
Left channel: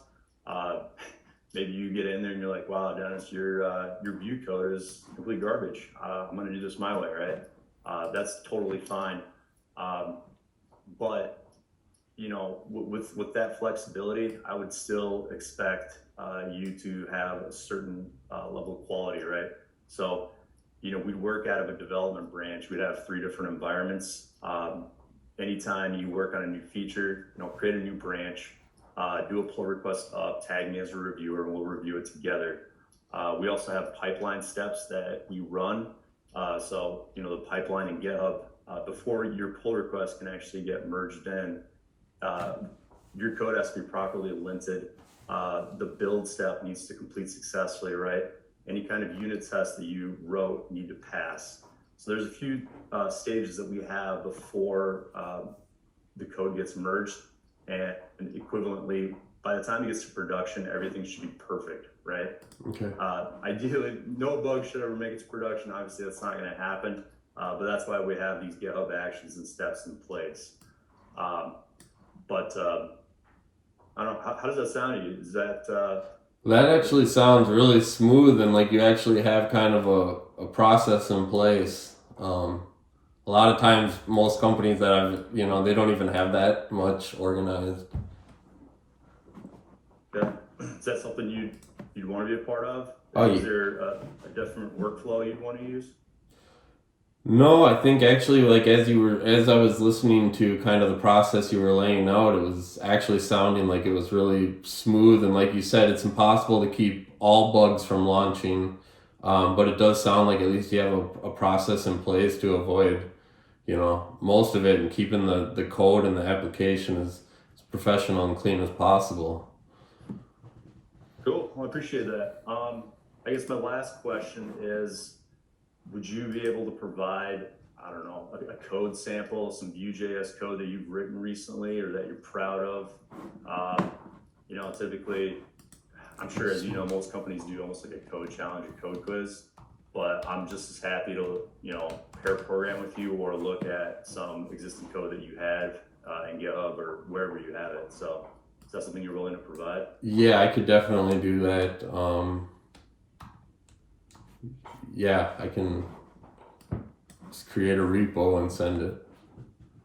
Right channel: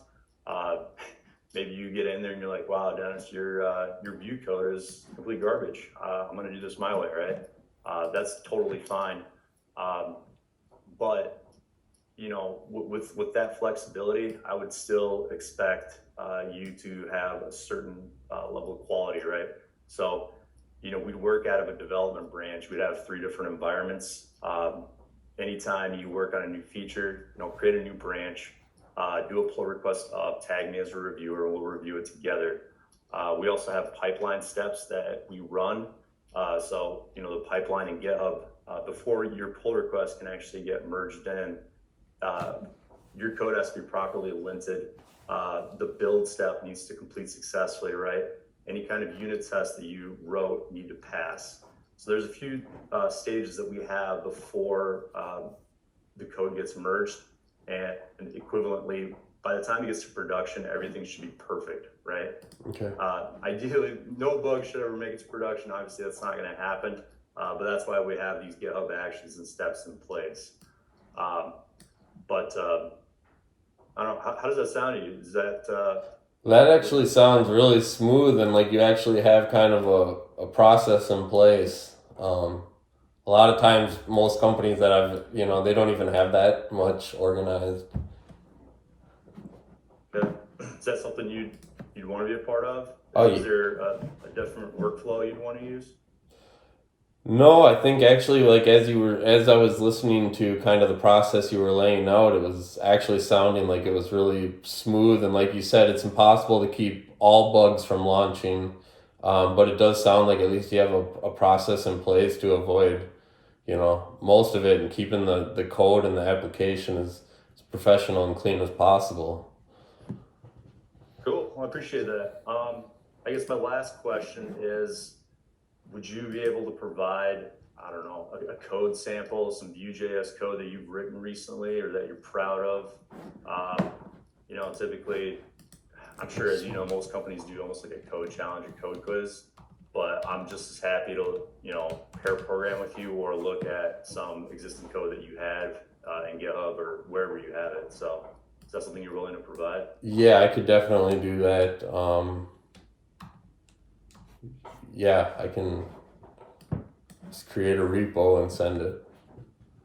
Maybe you get in there and you're like, wow, Dennis, your Vue code is complete garbage. I'm going to do this my way, right? That's totally fine. But with that flexibility, I would still expect you to have a certain level of quality, right? So, we'd work out of a development branch. We'd have 3 different environments. Anytime you work on a new feature, create a new branch, do a pull request up, tag me as a reviewer, and we'll review it together. We also have pipeline steps that we run. So, the pipeline in GitHub, before your pull request can actually get merged in, your code has to be properly linted. The build step needs to complete successfully, right? Any kind of unit test that you wrote need to pass. So there's a few stages that we have before the code gets merged, and equivalently by the time it gets to production, everything should be perfect, right? Okay. Ideally, no bug should ever make it to production. Obviously, that's not going to happen, but that's why we have these GitHub actions and steps in place. But I don't know, how does that sound to you? Is that That actually sounds really smooth, and like you actually have kind of a process in place. A lot of times, most companies that they don't even have that much organized. yeah? Is that something you'd want to be a part of? Oh, Is there a different workflow you'd want to use? No, I think actually, like as I was listening to kind of the process you were laying out, it was actually sounding like it was really smooth. And like you said, it's impossible to keep all bugs from launching, but it does sound like at least you have a process in place to avoid, most of it, and keeping the code and the application as professional and clean as possible. Cool. Well, I appreciate that. I guess my last question is, would you be able to provide, I don't know, a code sample, some Vue.js code that you've written recently or that you're proud of? Typically, I'm sure, as you know, most companies do almost like a code challenge, a code quiz, but I'm just as happy to, pair program with you or look at some existing code that you have in GitHub or wherever you have it. So is that something you're willing to provide? Yeah, I could definitely do that. Yeah, I can just create a repo and send it.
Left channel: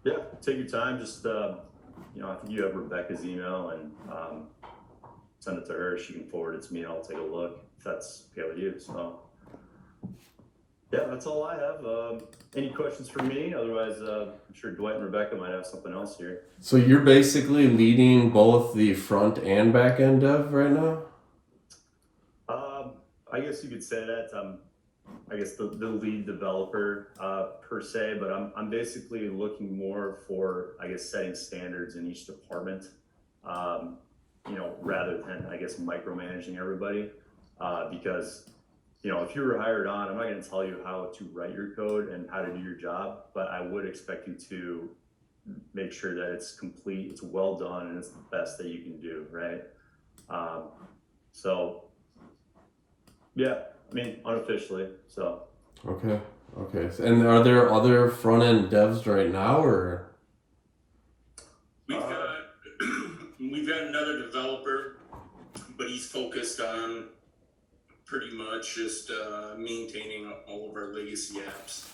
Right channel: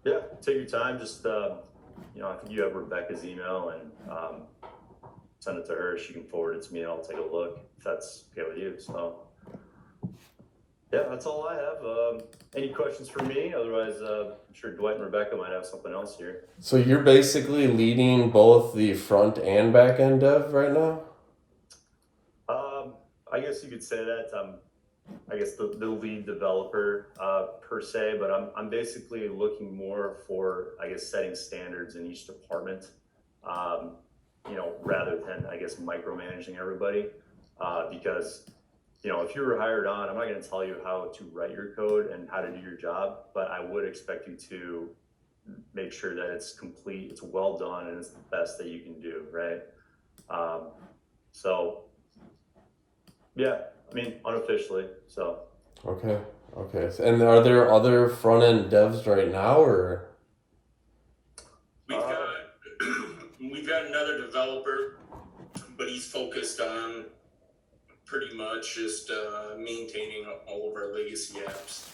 Yeah, take your time. Just, I think you have Rebecca's email, and send it to her. She can forward it to me, and I'll take a look if that's okay with you. So, yeah, that's all I have. Any questions for me? Otherwise, I'm sure Dwight and Rebecca might have something else here. So you're basically leading both the front and back end dev right now? I guess you could say that. I guess the lead developer per se, but I'm basically looking more for, I guess, setting standards in each department, rather than, I guess, micromanaging everybody. Because, if you were hired on, I'm not going to tell you how to write your code and how to do your job, but I would expect you to make sure that it's complete, it's well done, and it's the best that you can do, right? So, yeah. I mean, unofficially, so. Okay. And are there other front end devs right now, or? We've got another developer, but he's focused on pretty much just maintaining all of our legacy apps.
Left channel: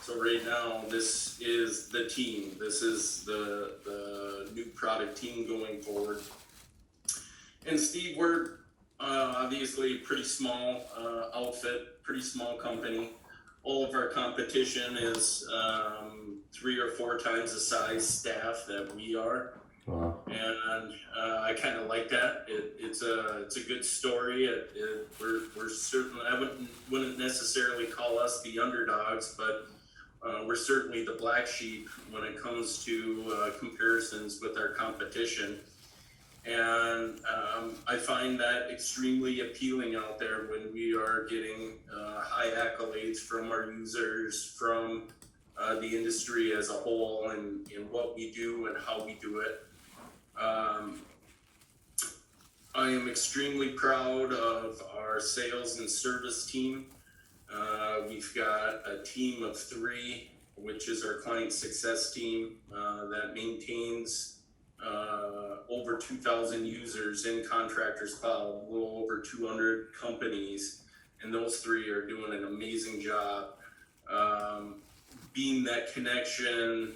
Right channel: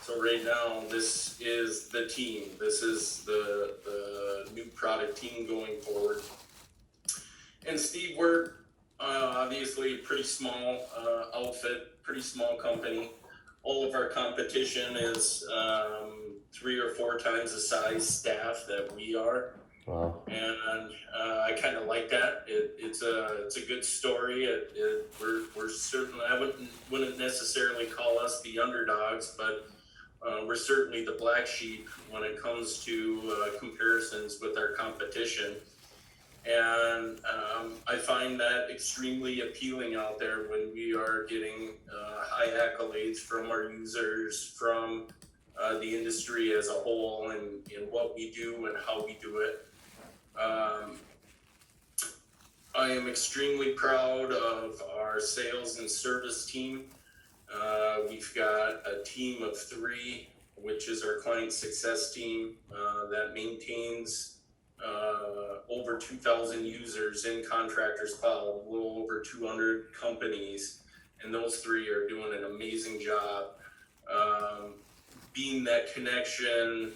So right now, this is the team. This is the new product team going forward. And Steve, we're obviously pretty small outfit, pretty small company. All of our competition is 3 or 4 times the size staff that we are. Wow. And I kind of like that. It's a good story. We're certainly, I wouldn't necessarily call us the underdogs, but we're certainly the black sheep when it comes to comparisons with our competition. And I find that extremely appealing out there when we are getting high accolades from our users, from the industry as a whole, and what we do and how we do it. I am extremely proud of our sales and service team. We've got a team of 3, which is our client success team that maintains over 2,000 users in Contractors Cloud, a little over 200 companies, and those 3 are doing an amazing job being that connection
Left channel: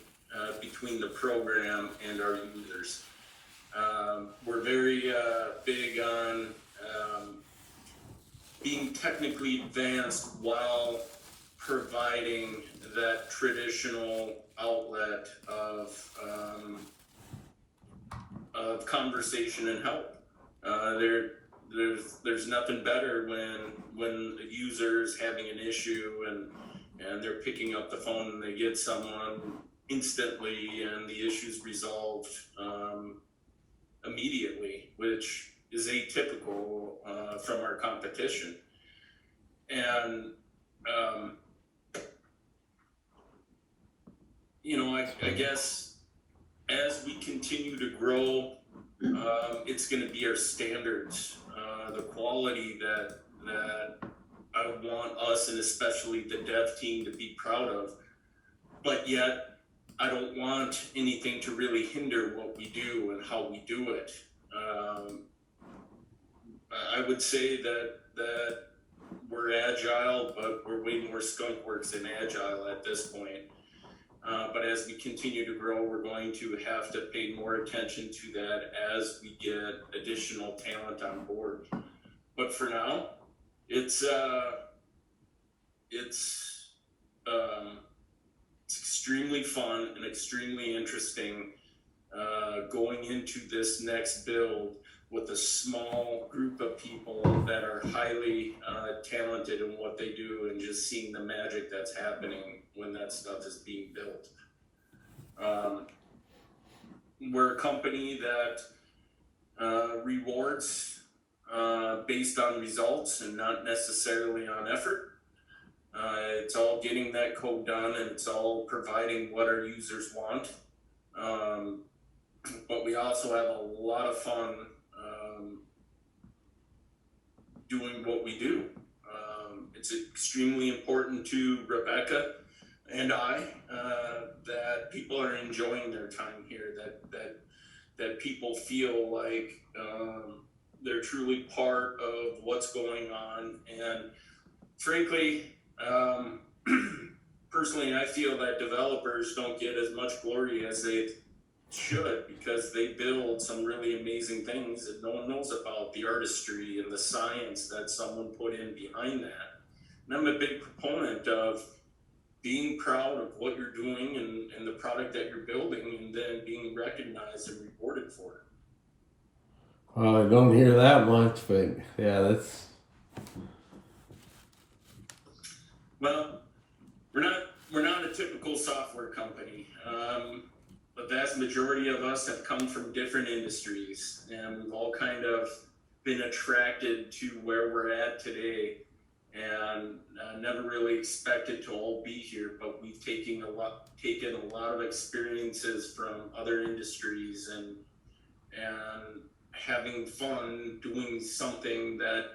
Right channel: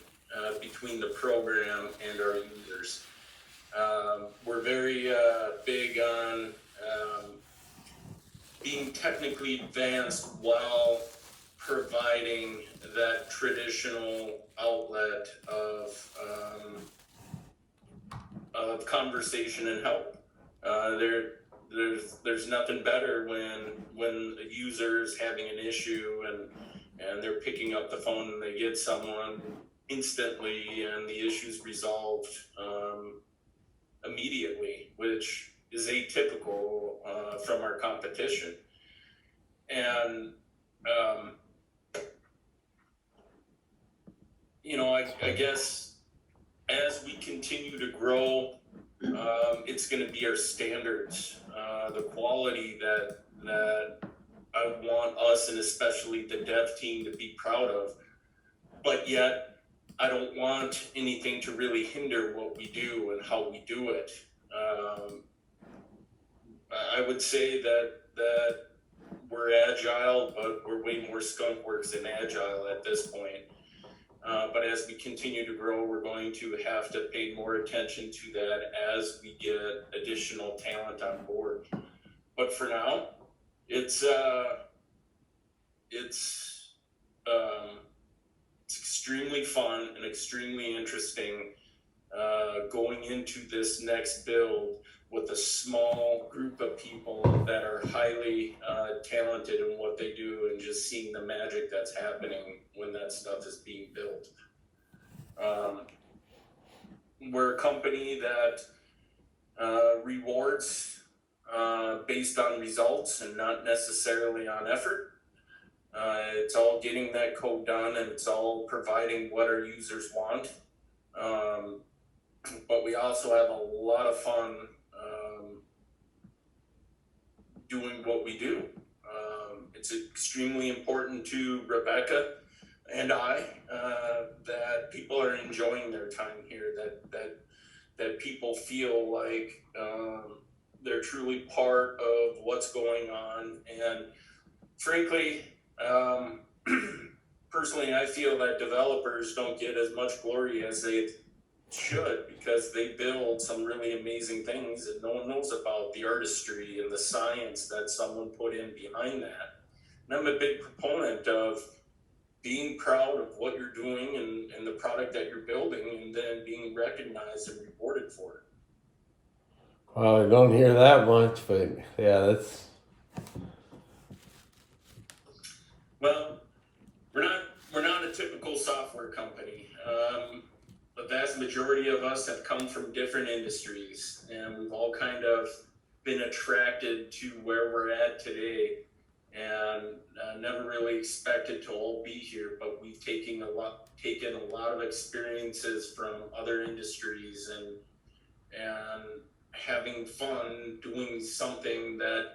between the program and our users. We're very big on being technically advanced while providing that traditional outlet of conversation and help. There's nothing better when a user's having an issue and they're picking up the phone and they get someone instantly and the issue's resolved immediately, which is atypical from our competition. And I guess as we continue to grow, it's going to be our standards, the quality that I want us and especially the dev team to be proud of. But yet, I don't want anything to really hinder what we do and how we do it. I would say that we're agile, but we're way more skunkworks than agile at this point. But as we continue to grow, we're going to have to pay more attention to that as we get additional talent on board. But for now, it's extremely fun and extremely interesting going into this next build with a small group of people that are highly talented in what they do, and just seeing the magic that's happening when that stuff is being built. We're a company that rewards based on results and not necessarily on effort. It's all getting that code done, and it's all providing what our users want. But we also have a lot of fun doing what we do. It's extremely important to Rebecca and I that people are enjoying their time here, that people feel like they're truly part of what's going on. And frankly, personally, I feel that developers don't get as much glory as they should, because they build some really amazing things that no one knows about, the artistry and the science that someone put in behind that. And I'm a big proponent of being proud of what you're doing and the product that you're building, and then being recognized and rewarded for it. Well, I don't hear that much, but yeah, that's. Well, we're not a typical software company. The vast majority of us have come from different industries, and we've all kind of been attracted to where we're at today, and never really expected to all be here. But we've taken a lot of experiences from other industries, and having fun doing something that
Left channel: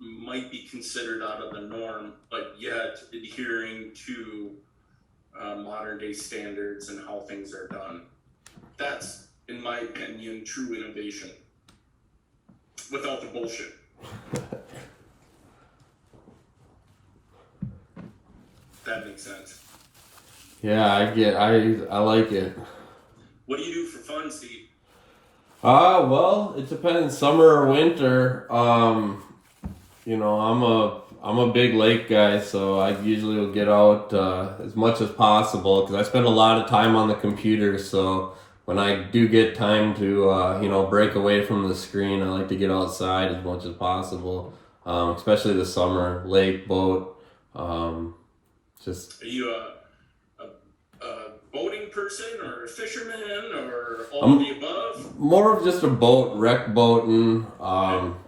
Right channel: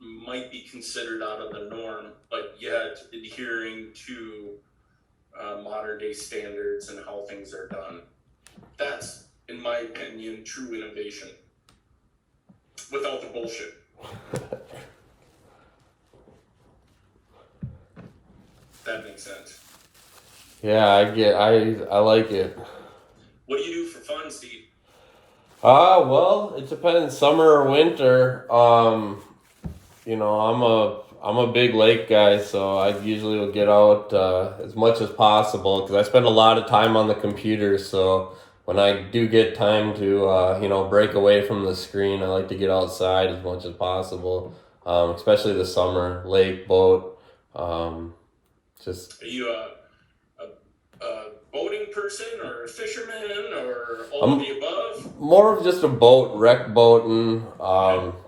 might be considered out of the norm, but yet adhering to modern day standards and how things are done. That's, in my opinion, true innovation without the bullshit. That makes sense. Yeah, I like it. What do you do for fun, Steve? Well, it depends, summer or winter. I'm a big lake guy, so I usually will get out as much as possible, because I spend a lot of time on the computer. So when I do get time to break away from the screen, I like to get outside as much as possible. Especially the summer, lake, boat. Just. Are you a boating person or a fisherman or all of the above? More of just a boat, wreck boating,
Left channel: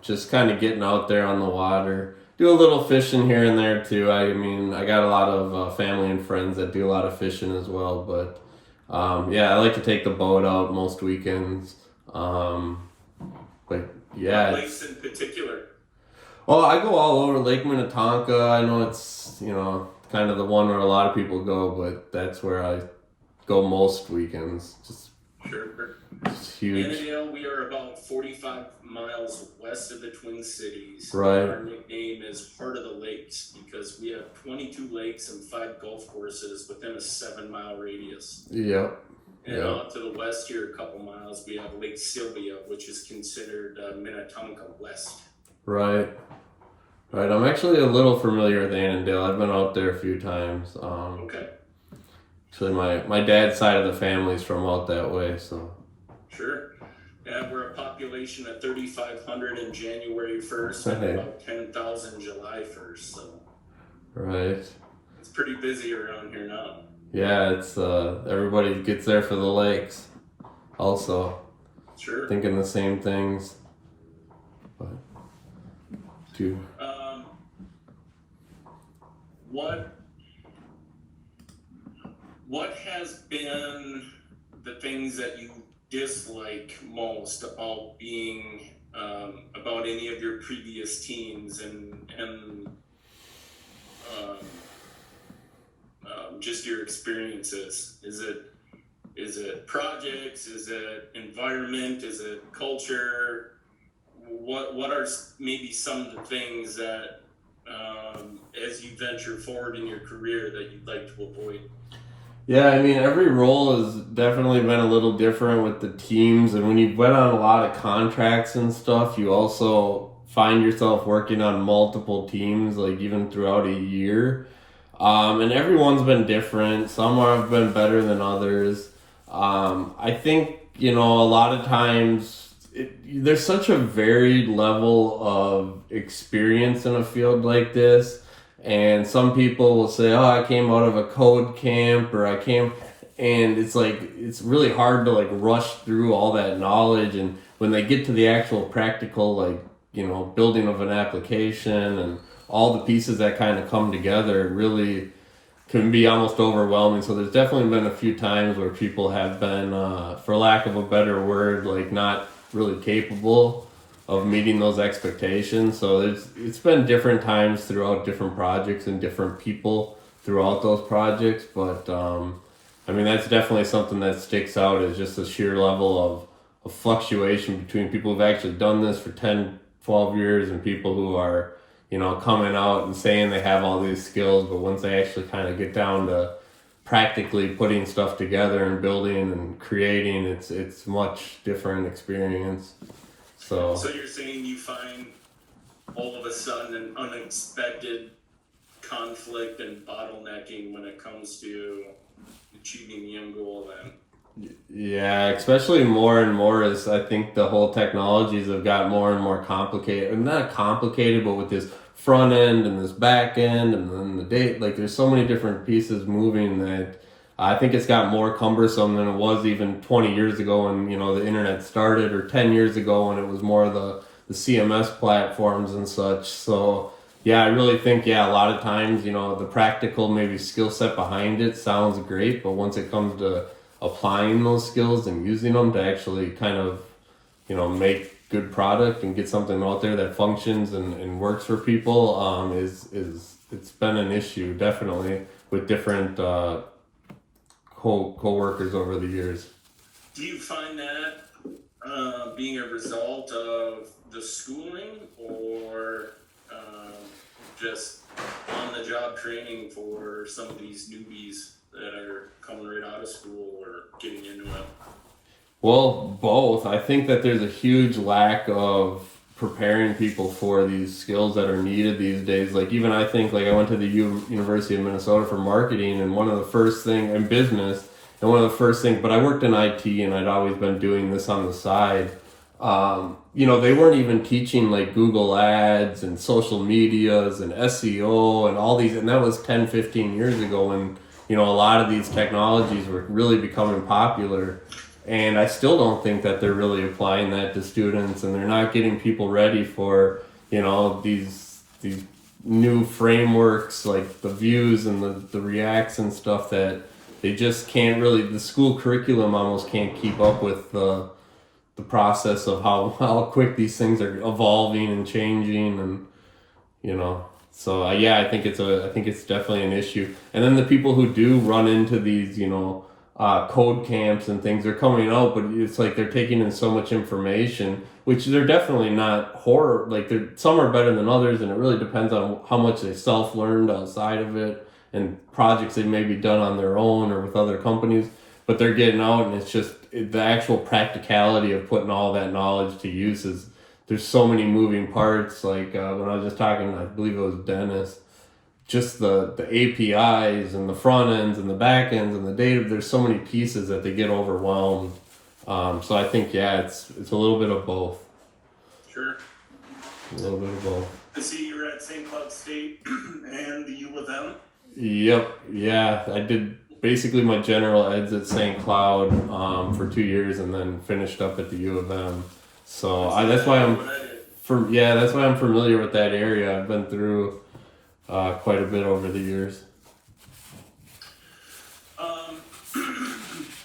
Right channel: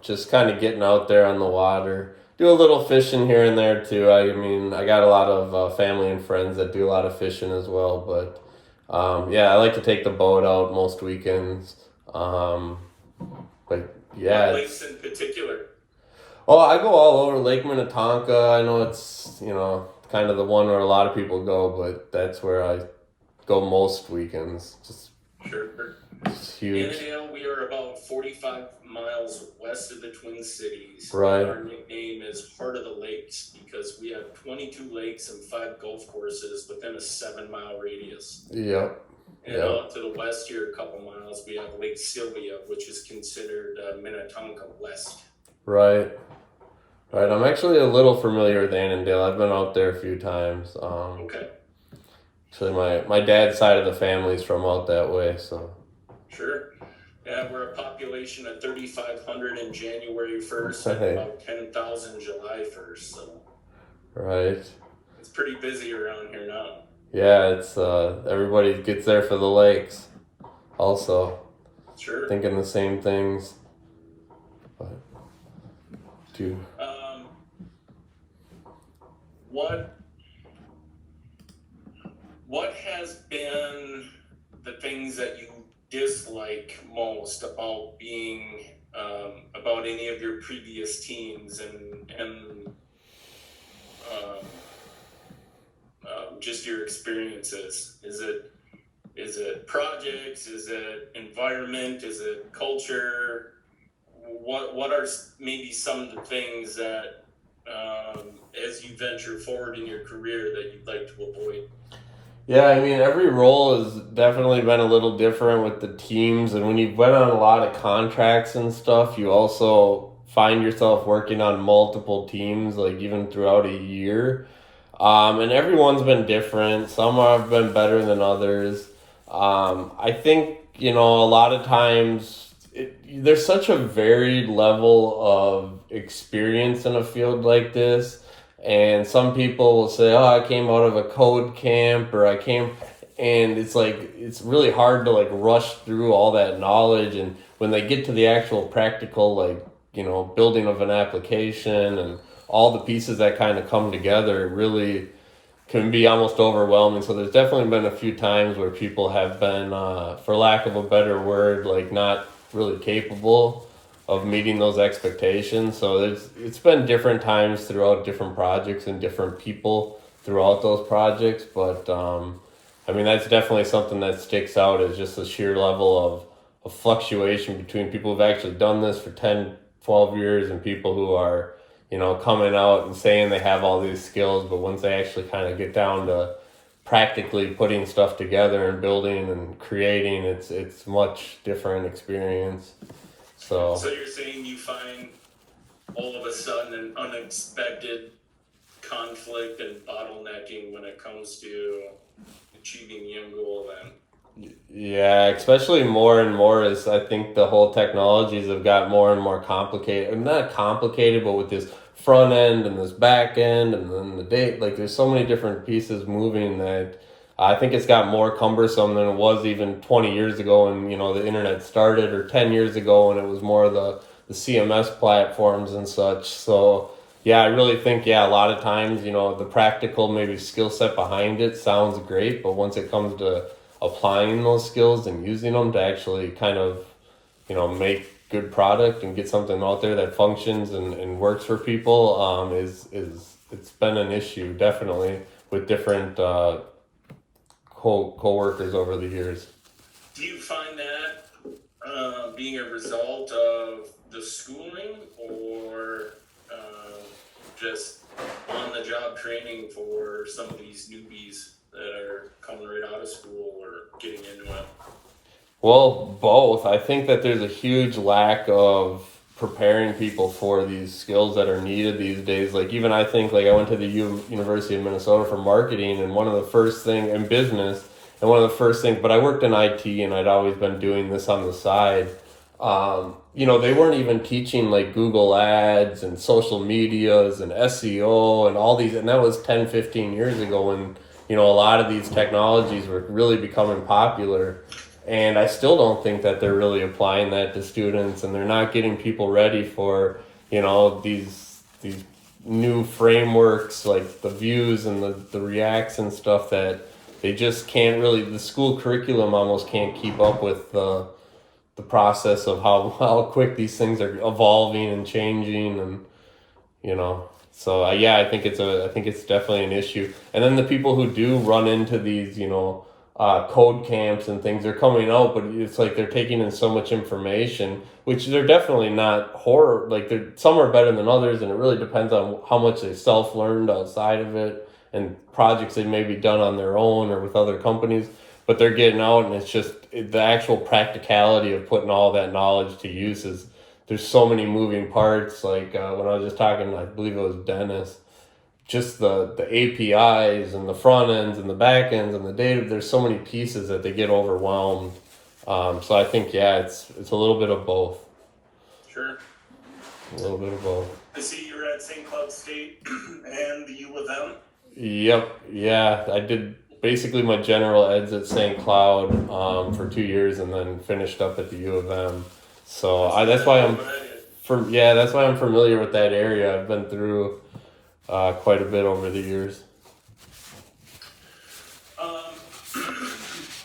just kind of getting out there on the water. Do a little fishing here and there too. I mean, I got a lot of family and friends that do a lot of fishing as well. But I like to take the boat out most weekends. But yeah. What lakes in particular? Oh, I go all over Lake Minnetonka. I know it's kind of the one where a lot of people go, but that's where I go most weekends. Sure. It's huge. Annandale, we are about 45 miles west of the Twin Cities. Right. Our nickname is Heart of the Lakes, because we have 22 lakes and 5 golf courses within a 7-mile radius. Yep. And out to the west here, a couple miles, we have Lake Sylvia, which is considered Minnetonka West. Right. I'm actually a little familiar with Annandale. I've been out there a few times. Okay. Actually, my dad's side of the family's from out that way, so. Sure. Yeah, we're a population of 3,500 in January 1st and about 10,000 July 1st. So. Right. It's pretty busy around here now. Yeah, it's everybody gets there for the lakes. Also. Sure. Thinking the same things. But. What has been the things that you dislike most about being about any of your previous teams and just your experiences? Is it projects? Is it environment? Is it culture? What are maybe some of the things that as you venture forward in your career that you'd like to avoid? Yeah, I mean, every role has definitely been a little different with the teams. And when you've been on a lot of contracts and stuff, you also find yourself working on multiple teams, like even throughout a year. And everyone's been different. Some have been better than others. I think, a lot of times there's such a varied level of experience in a field like this. And some people will say, "Oh, I came out of a code camp," or "I came," and it's like it's really hard to like rush through all that knowledge. And when they get to the actual practical, like building of an application and all the pieces that kind of come together, it really can be almost overwhelming. So there's definitely been a few times where people have been, for lack of a better word, like not really capable of meeting those expectations. So it's been different times throughout different projects and different people throughout those projects. But I mean, that's definitely something that sticks out is just the sheer level of fluctuation between people who've actually done this for 10, 12 years and people who are coming out and saying they have all these skills, but once they actually kind of get down to practically putting stuff together and building and creating, it's much different experience. So So you're saying you find all of a sudden an unexpected conflict and bottlenecking when it comes to achieving the end goal then? yeah, especially more and more as I think the whole technologies have got more and more complicated. Not complicated, but with this front end and this back end and then the date, like there's so many different pieces moving that I think it's got more cumbersome than it was even 20 years ago when the internet started, or 10 years ago when it was more the CMS platforms and such. So yeah, I really think a lot of times the practical maybe skill set behind it sounds great, but once it comes to applying those skills and using them to actually kind of make good product and get something out there that functions and works for people, is it's been an issue definitely with different co-workers over the years. Do you find that being a result of the schooling or just on the job training for some of these newbies that are coming right out of school or getting into it? Well, both. I think that there's a huge lack of preparing people for these skills that are needed these days. Like even I think like I went to the University of Minnesota for marketing, and one of the first thing in business, and one of the first things, but I worked in IT and I'd always been doing this on the side. They weren't even teaching like Google ads and social medias and SEO and all these, and that was 10, 15 years ago when, a lot of these technologies were really becoming popular. And I still don't think that they're really applying that to students, and they're not getting people ready for, these new frameworks like the views and the reacts and stuff that they just can't really, the school curriculum almost can't keep up with the process of how quick these things are evolving and changing. And so I think it's definitely an issue. And then the people who do run into these code camps and things are coming out, but it's like they're taking in so much information, which they're definitely not horror, like some are better than others, and it really depends on how much they self-learned outside of it and projects they may be done on their own or with other companies. But they're getting out, and it's just the actual practicality of putting all that knowledge to use is there's so many moving parts. Like when I was just talking, I believe it was Dennis, just the APIs and the front ends and the back ends and the data. There's so many pieces that they get overwhelmed. So I think it's a little bit of both. Sure. A little bit of both. I see you're at St. Cloud State and the U.S.A. Yep. Yeah, I did basically my general eds at St. Cloud for 2 years, and then finished up at the U.S.A. So that's why I'm familiar with that area. I've been through quite a bit over the years.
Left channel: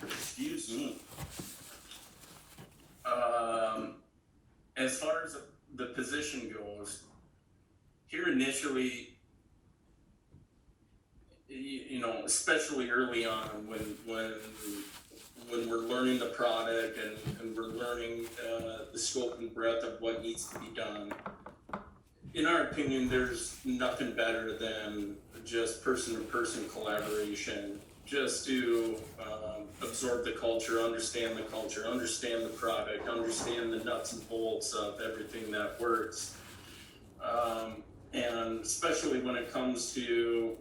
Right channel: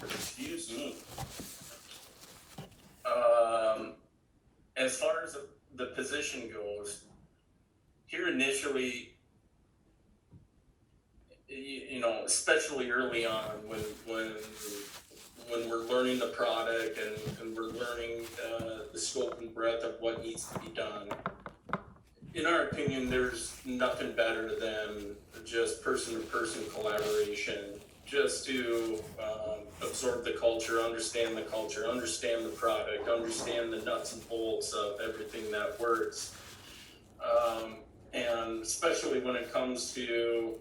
Excuse me. the position goes, here initially, especially early on when we're learning the product and we're learning the scope and breadth of what needs to be done, in our opinion, there's nothing better than just person-to-person collaboration, just to absorb the culture, understand the product, understand the nuts and bolts of everything that works. And especially when it comes to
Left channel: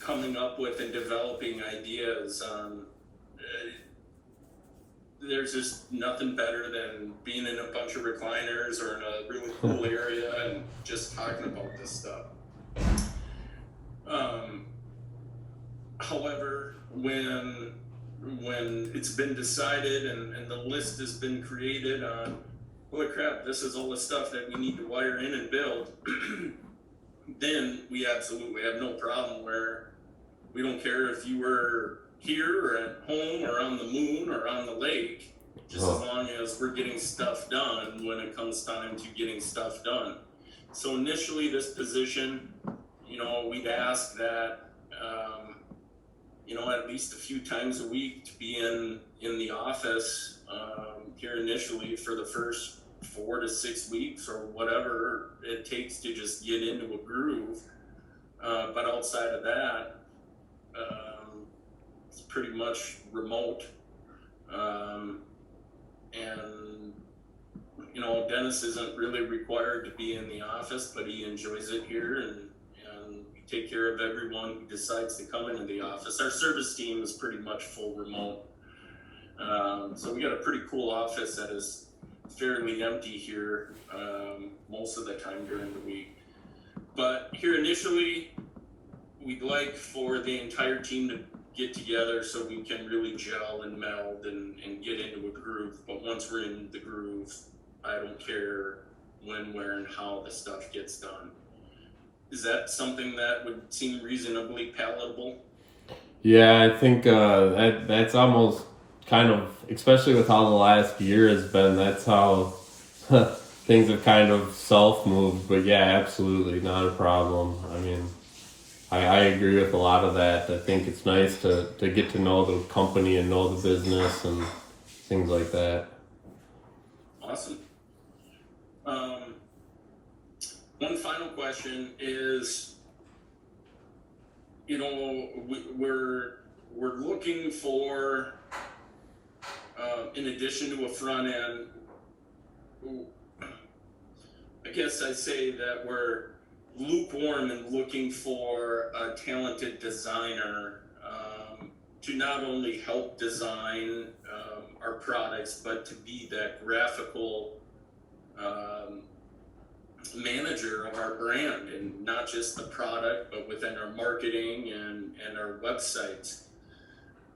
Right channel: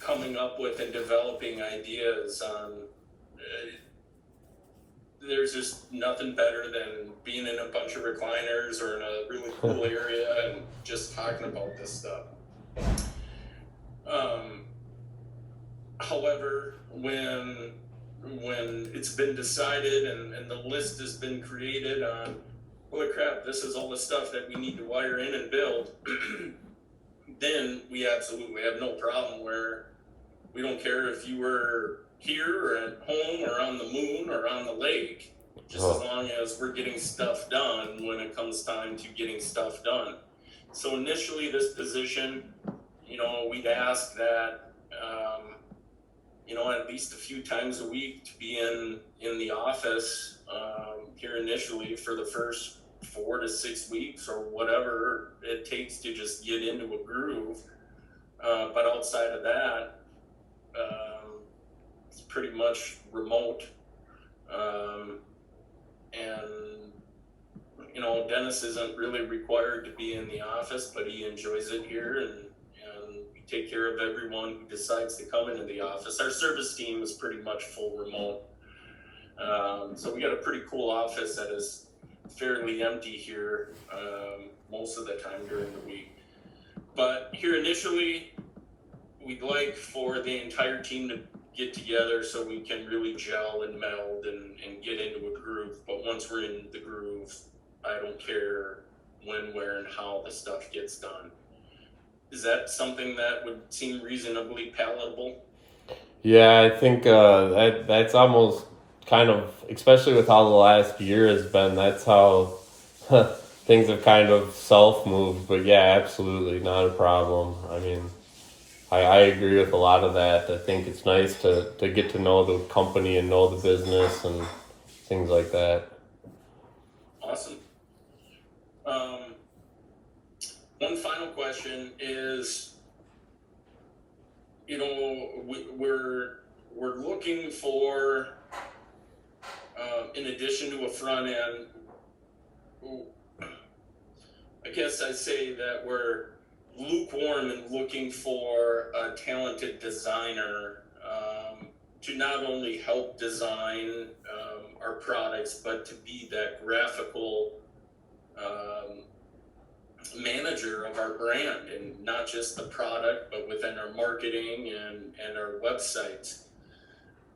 coming up with and developing ideas on there's just nothing better than being in a bunch of recliners or in a really cool area and just talking about this stuff. However, when it's been decided and the list has been created on, holy crap, this is all the stuff that we need to wire in and build, then we absolutely have no problem where we don't care if you were here or at home or on the moon or on the lake, just as long as we're getting stuff done when it comes time to getting stuff done. So initially this position, we'd ask that, at least a few times a week to be in the office here initially for the first 4 to 6 weeks or whatever it takes to just get into a groove. But outside of that, it's pretty much remote. And Dennis isn't really required to be in the office, but he enjoys it here, and we take care of everyone who decides to come into the office. Our service team is pretty much full remote. So we got a pretty cool office that is fairly empty here most of the time during the week. But here initially, we'd like for the entire team to get together so we can really gel and meld and get into a groove. But once we're in the groove, I don't care when, where, and how the stuff gets done. Is that something that would seem reasonably palatable? Yeah, I think that's almost kind of, especially with how the last year has been, that's how things have kind of self-moved. But yeah, absolutely, not a problem. I mean, I agree with a lot of that. I think it's nice to get to know the company and know the business and things like that. Awesome. One final question is, we're looking for, in addition to a front end, I guess I say that we're lukewarm and looking for a talented designer to not only help design our products, but to be that graphical manager of our brand, and not just the product, but within our marketing and our websites.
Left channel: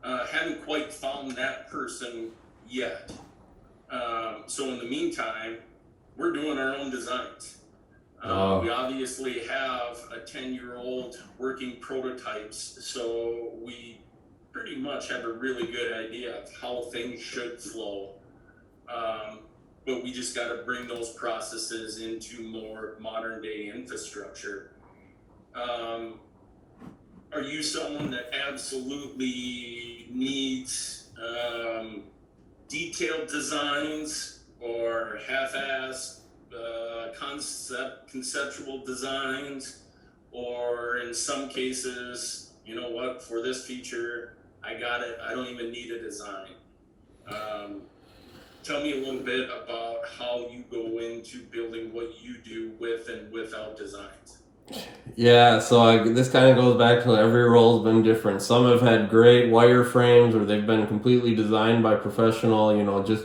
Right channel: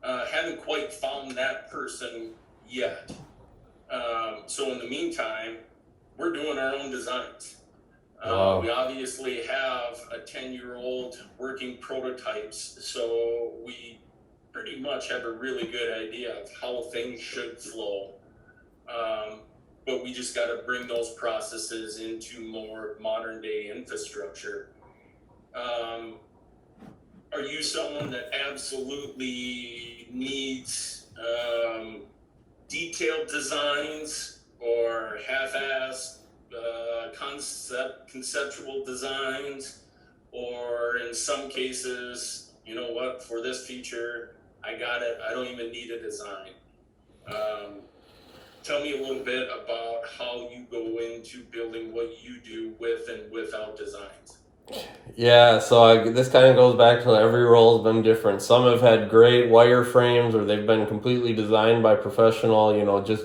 Haven't quite found that person yet. So in the meantime, we're doing our own designs. We obviously have a 10-year-old working prototypes, so we pretty much have a really good idea of how things should flow. But we just got to bring those processes into more modern day infrastructure. Are you someone that absolutely needs detailed designs or half-assed conceptual designs, or in some cases, for this feature, I got it, I don't even need a design? Tell me a little bit about how you go into building what you do with and without designs. Yeah, so this kind of goes back to every role's been different. Some have had great wireframes, or they've been completely designed by professional, just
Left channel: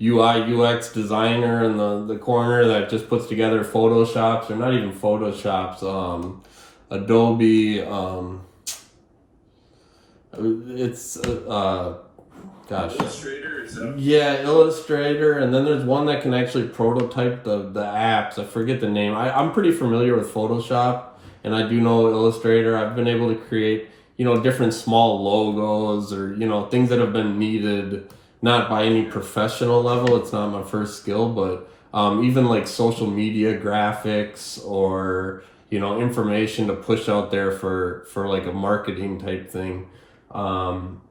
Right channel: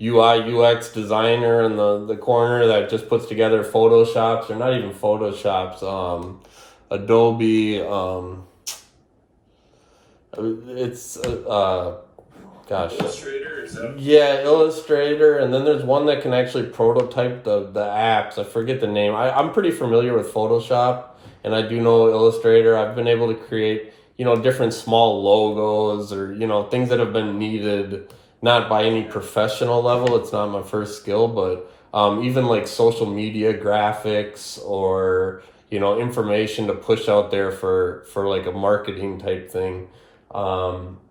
UI, UX designer in the corner that just puts together Photoshops, or not even Photoshops, Adobe, it's, Illustrator, is that? Yeah, Illustrator, and then there's one that can actually prototype the apps. I forget the name. I'm pretty familiar with Photoshop, and I do know Illustrator. I've been able to create, different small logos, or, things that have been needed, not by any professional level. It's not my first skill, but even like social media graphics or information to push out there for like a marketing type thing.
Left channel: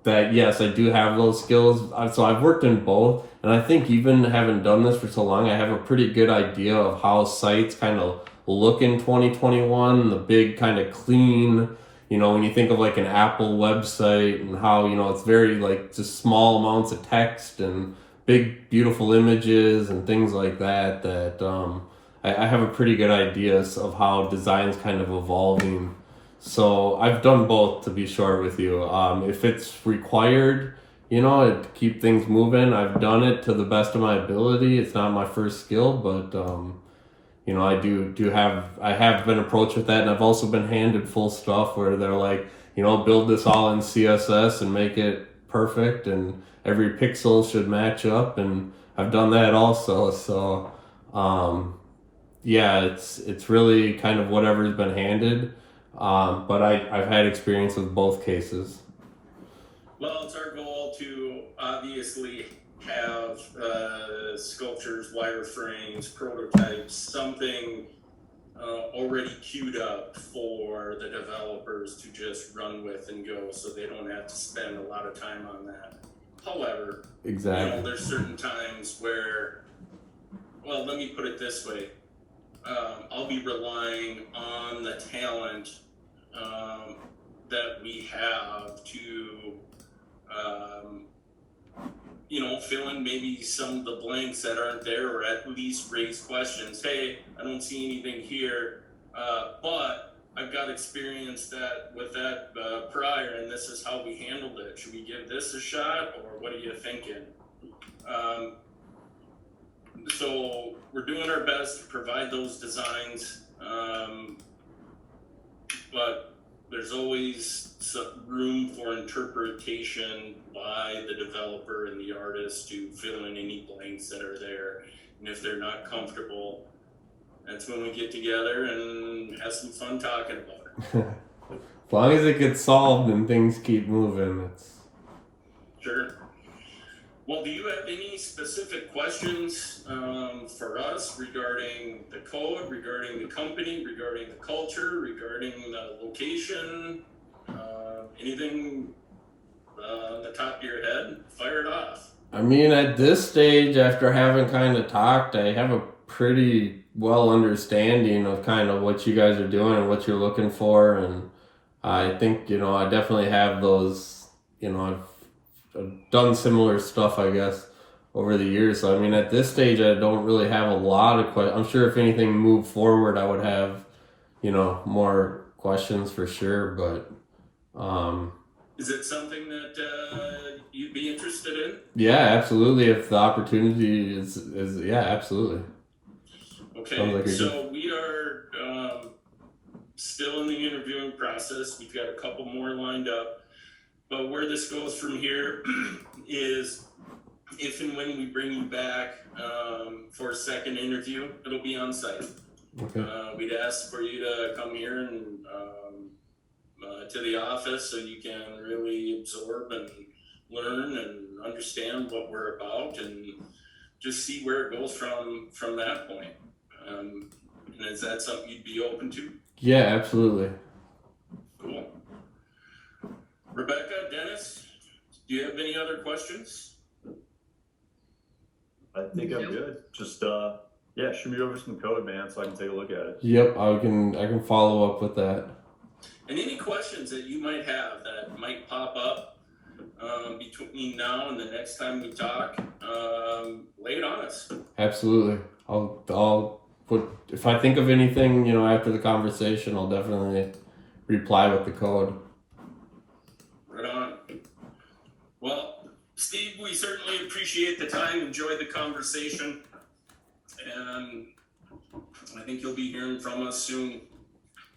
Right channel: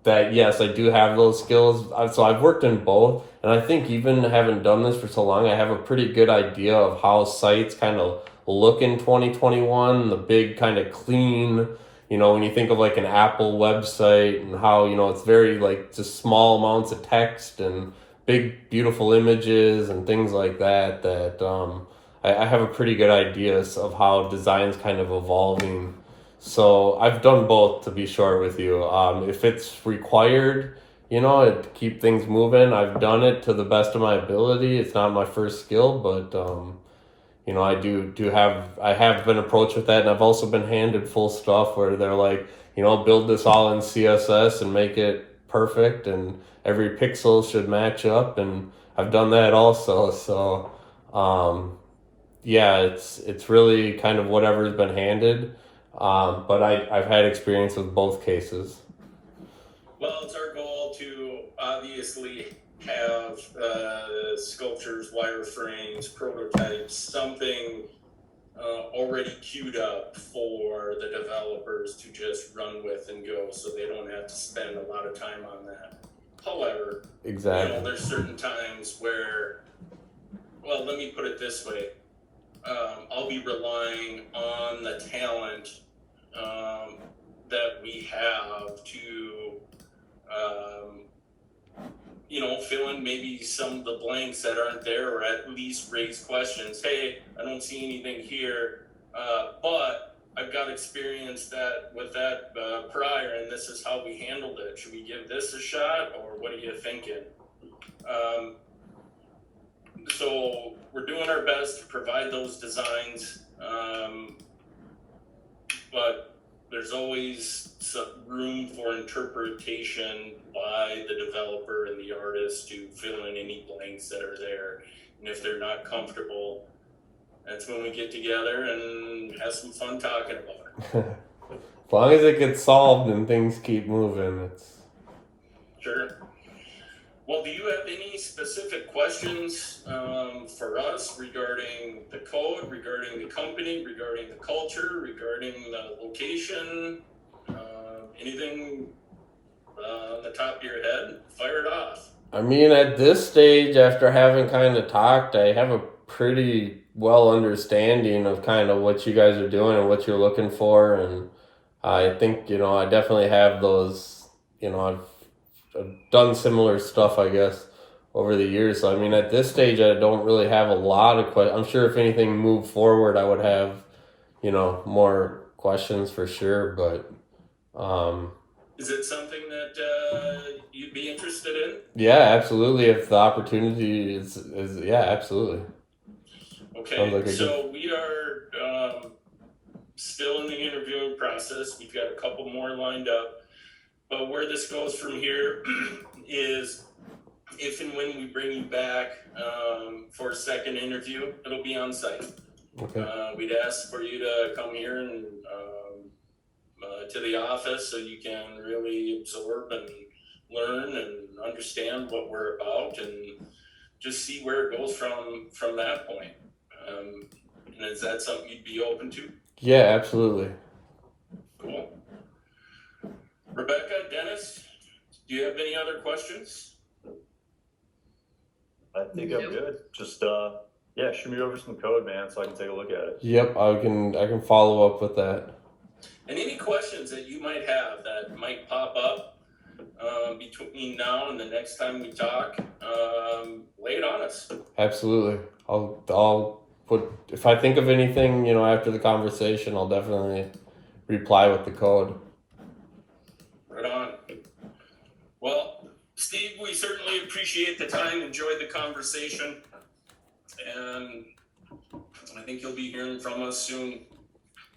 That yes, I do have those skills. So I've worked in both, and I think even having done this for so long, I have a pretty good idea of how sites kind of look in 2021. The big kind of clean, when you think of like an Apple website and how it's very like just small amounts of text and big beautiful images and things like that. I have a pretty good idea of how design's kind of evolving. So I've done both, to be short with you. If it's required, to keep things moving, I've done it to the best of my ability. It's not my first skill, but I have been approached with that, and I've also been handed full stuff where they're like, build this all in CSS and make it perfect, and every pixel should match up, and I've done that also. So, yeah, it's really kind of whatever's been handed. But I've had experience with both cases. Well, it's our goal to obviously have sculptures, wireframes, prototypes, something already queued up for the developers to just run with and go, so they don't have to spend a lot of time on that. However, Exactly. there's certain times where, well, let me put it this way. I'll be relying on the talent that we have to fill in maybe some of the blanks that aren't there, or at least raise questions. Hey, I don't see anything here, but I've got experience with that prior, and this is how we handled it. Should we give this a shot, or what are you thinking? So we're doing our best to provide those designs, but there's always some room for interpretation by the developer and the artist to fill in any blanks that are there. And if they're not comfortable, that's when we get together and have some fun talking about it. As long as it gets solved and things keep moving, it's Sure. Well, do you have any specific questions for us regarding the code, regarding the company, regarding the culture, regarding the location? Anything on the top of your head? Fire it off. I mean, at this stage, after having kind of talked, I have a pretty well understanding of kind of what you guys are doing and what you're looking for, and I think I definitely have those. I've done similar stuff, I guess, over the years. So I mean, at this stage, I don't really have a lot of questions. I'm sure if anything moved forward, I would have more questions for sure. But is it something that you'd be interested in? Yeah, absolutely. If the opportunity is yeah, absolutely. Okay, like so we are still in the interviewing process. We've got a couple more lined up. But where this goes from here is if and when we bring you back for a second interview, it'll be on site. Okay. We'd ask for you to come here and to the office so you can really absorb and learn and understand what we're about, and just see where it goes from that point. And is that something you'd be open to? Yeah, absolutely. Cool. Rebecca, Dennis, do you have any other questions? I think I'm good. Just shoot me over some code, man, so I can take a look at it. Yep, I can follow up with that. And any questions that you might have that might pop up between now and the next time we talk, lay it on us. Absolutely. I'll put, if I think of anything, after the conversation, I'll definitely reply with the code. Right on. Well, Steve, we certainly appreciate the time, enjoyed the conversation, and I think you'll be hearing from us soon.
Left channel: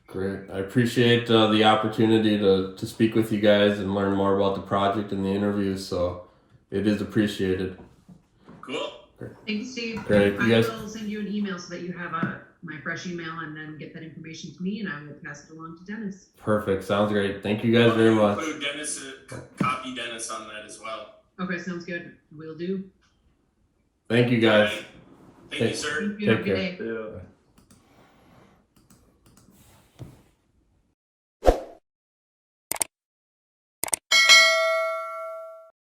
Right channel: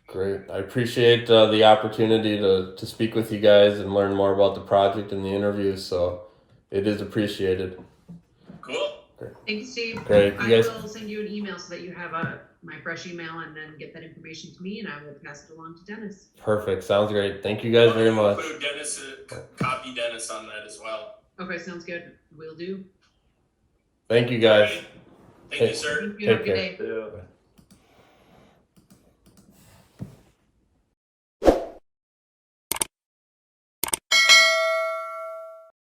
Great. I appreciate the opportunity to speak with you guys and learn more about the project and the interviews, so it is appreciated. Cool. Great. Thank you, Steve. Great. I will send you an email so that you have my fresh email, and then get that information to me, and I will pass it along to Dennis. Perfect. Sounds great. Thank you guys very much. Include Dennis, copy Dennis on that as well. Okay, sounds good. Will do. Thank you guys. Right. Thank you, sir. You have a Take good care. day. Yeah.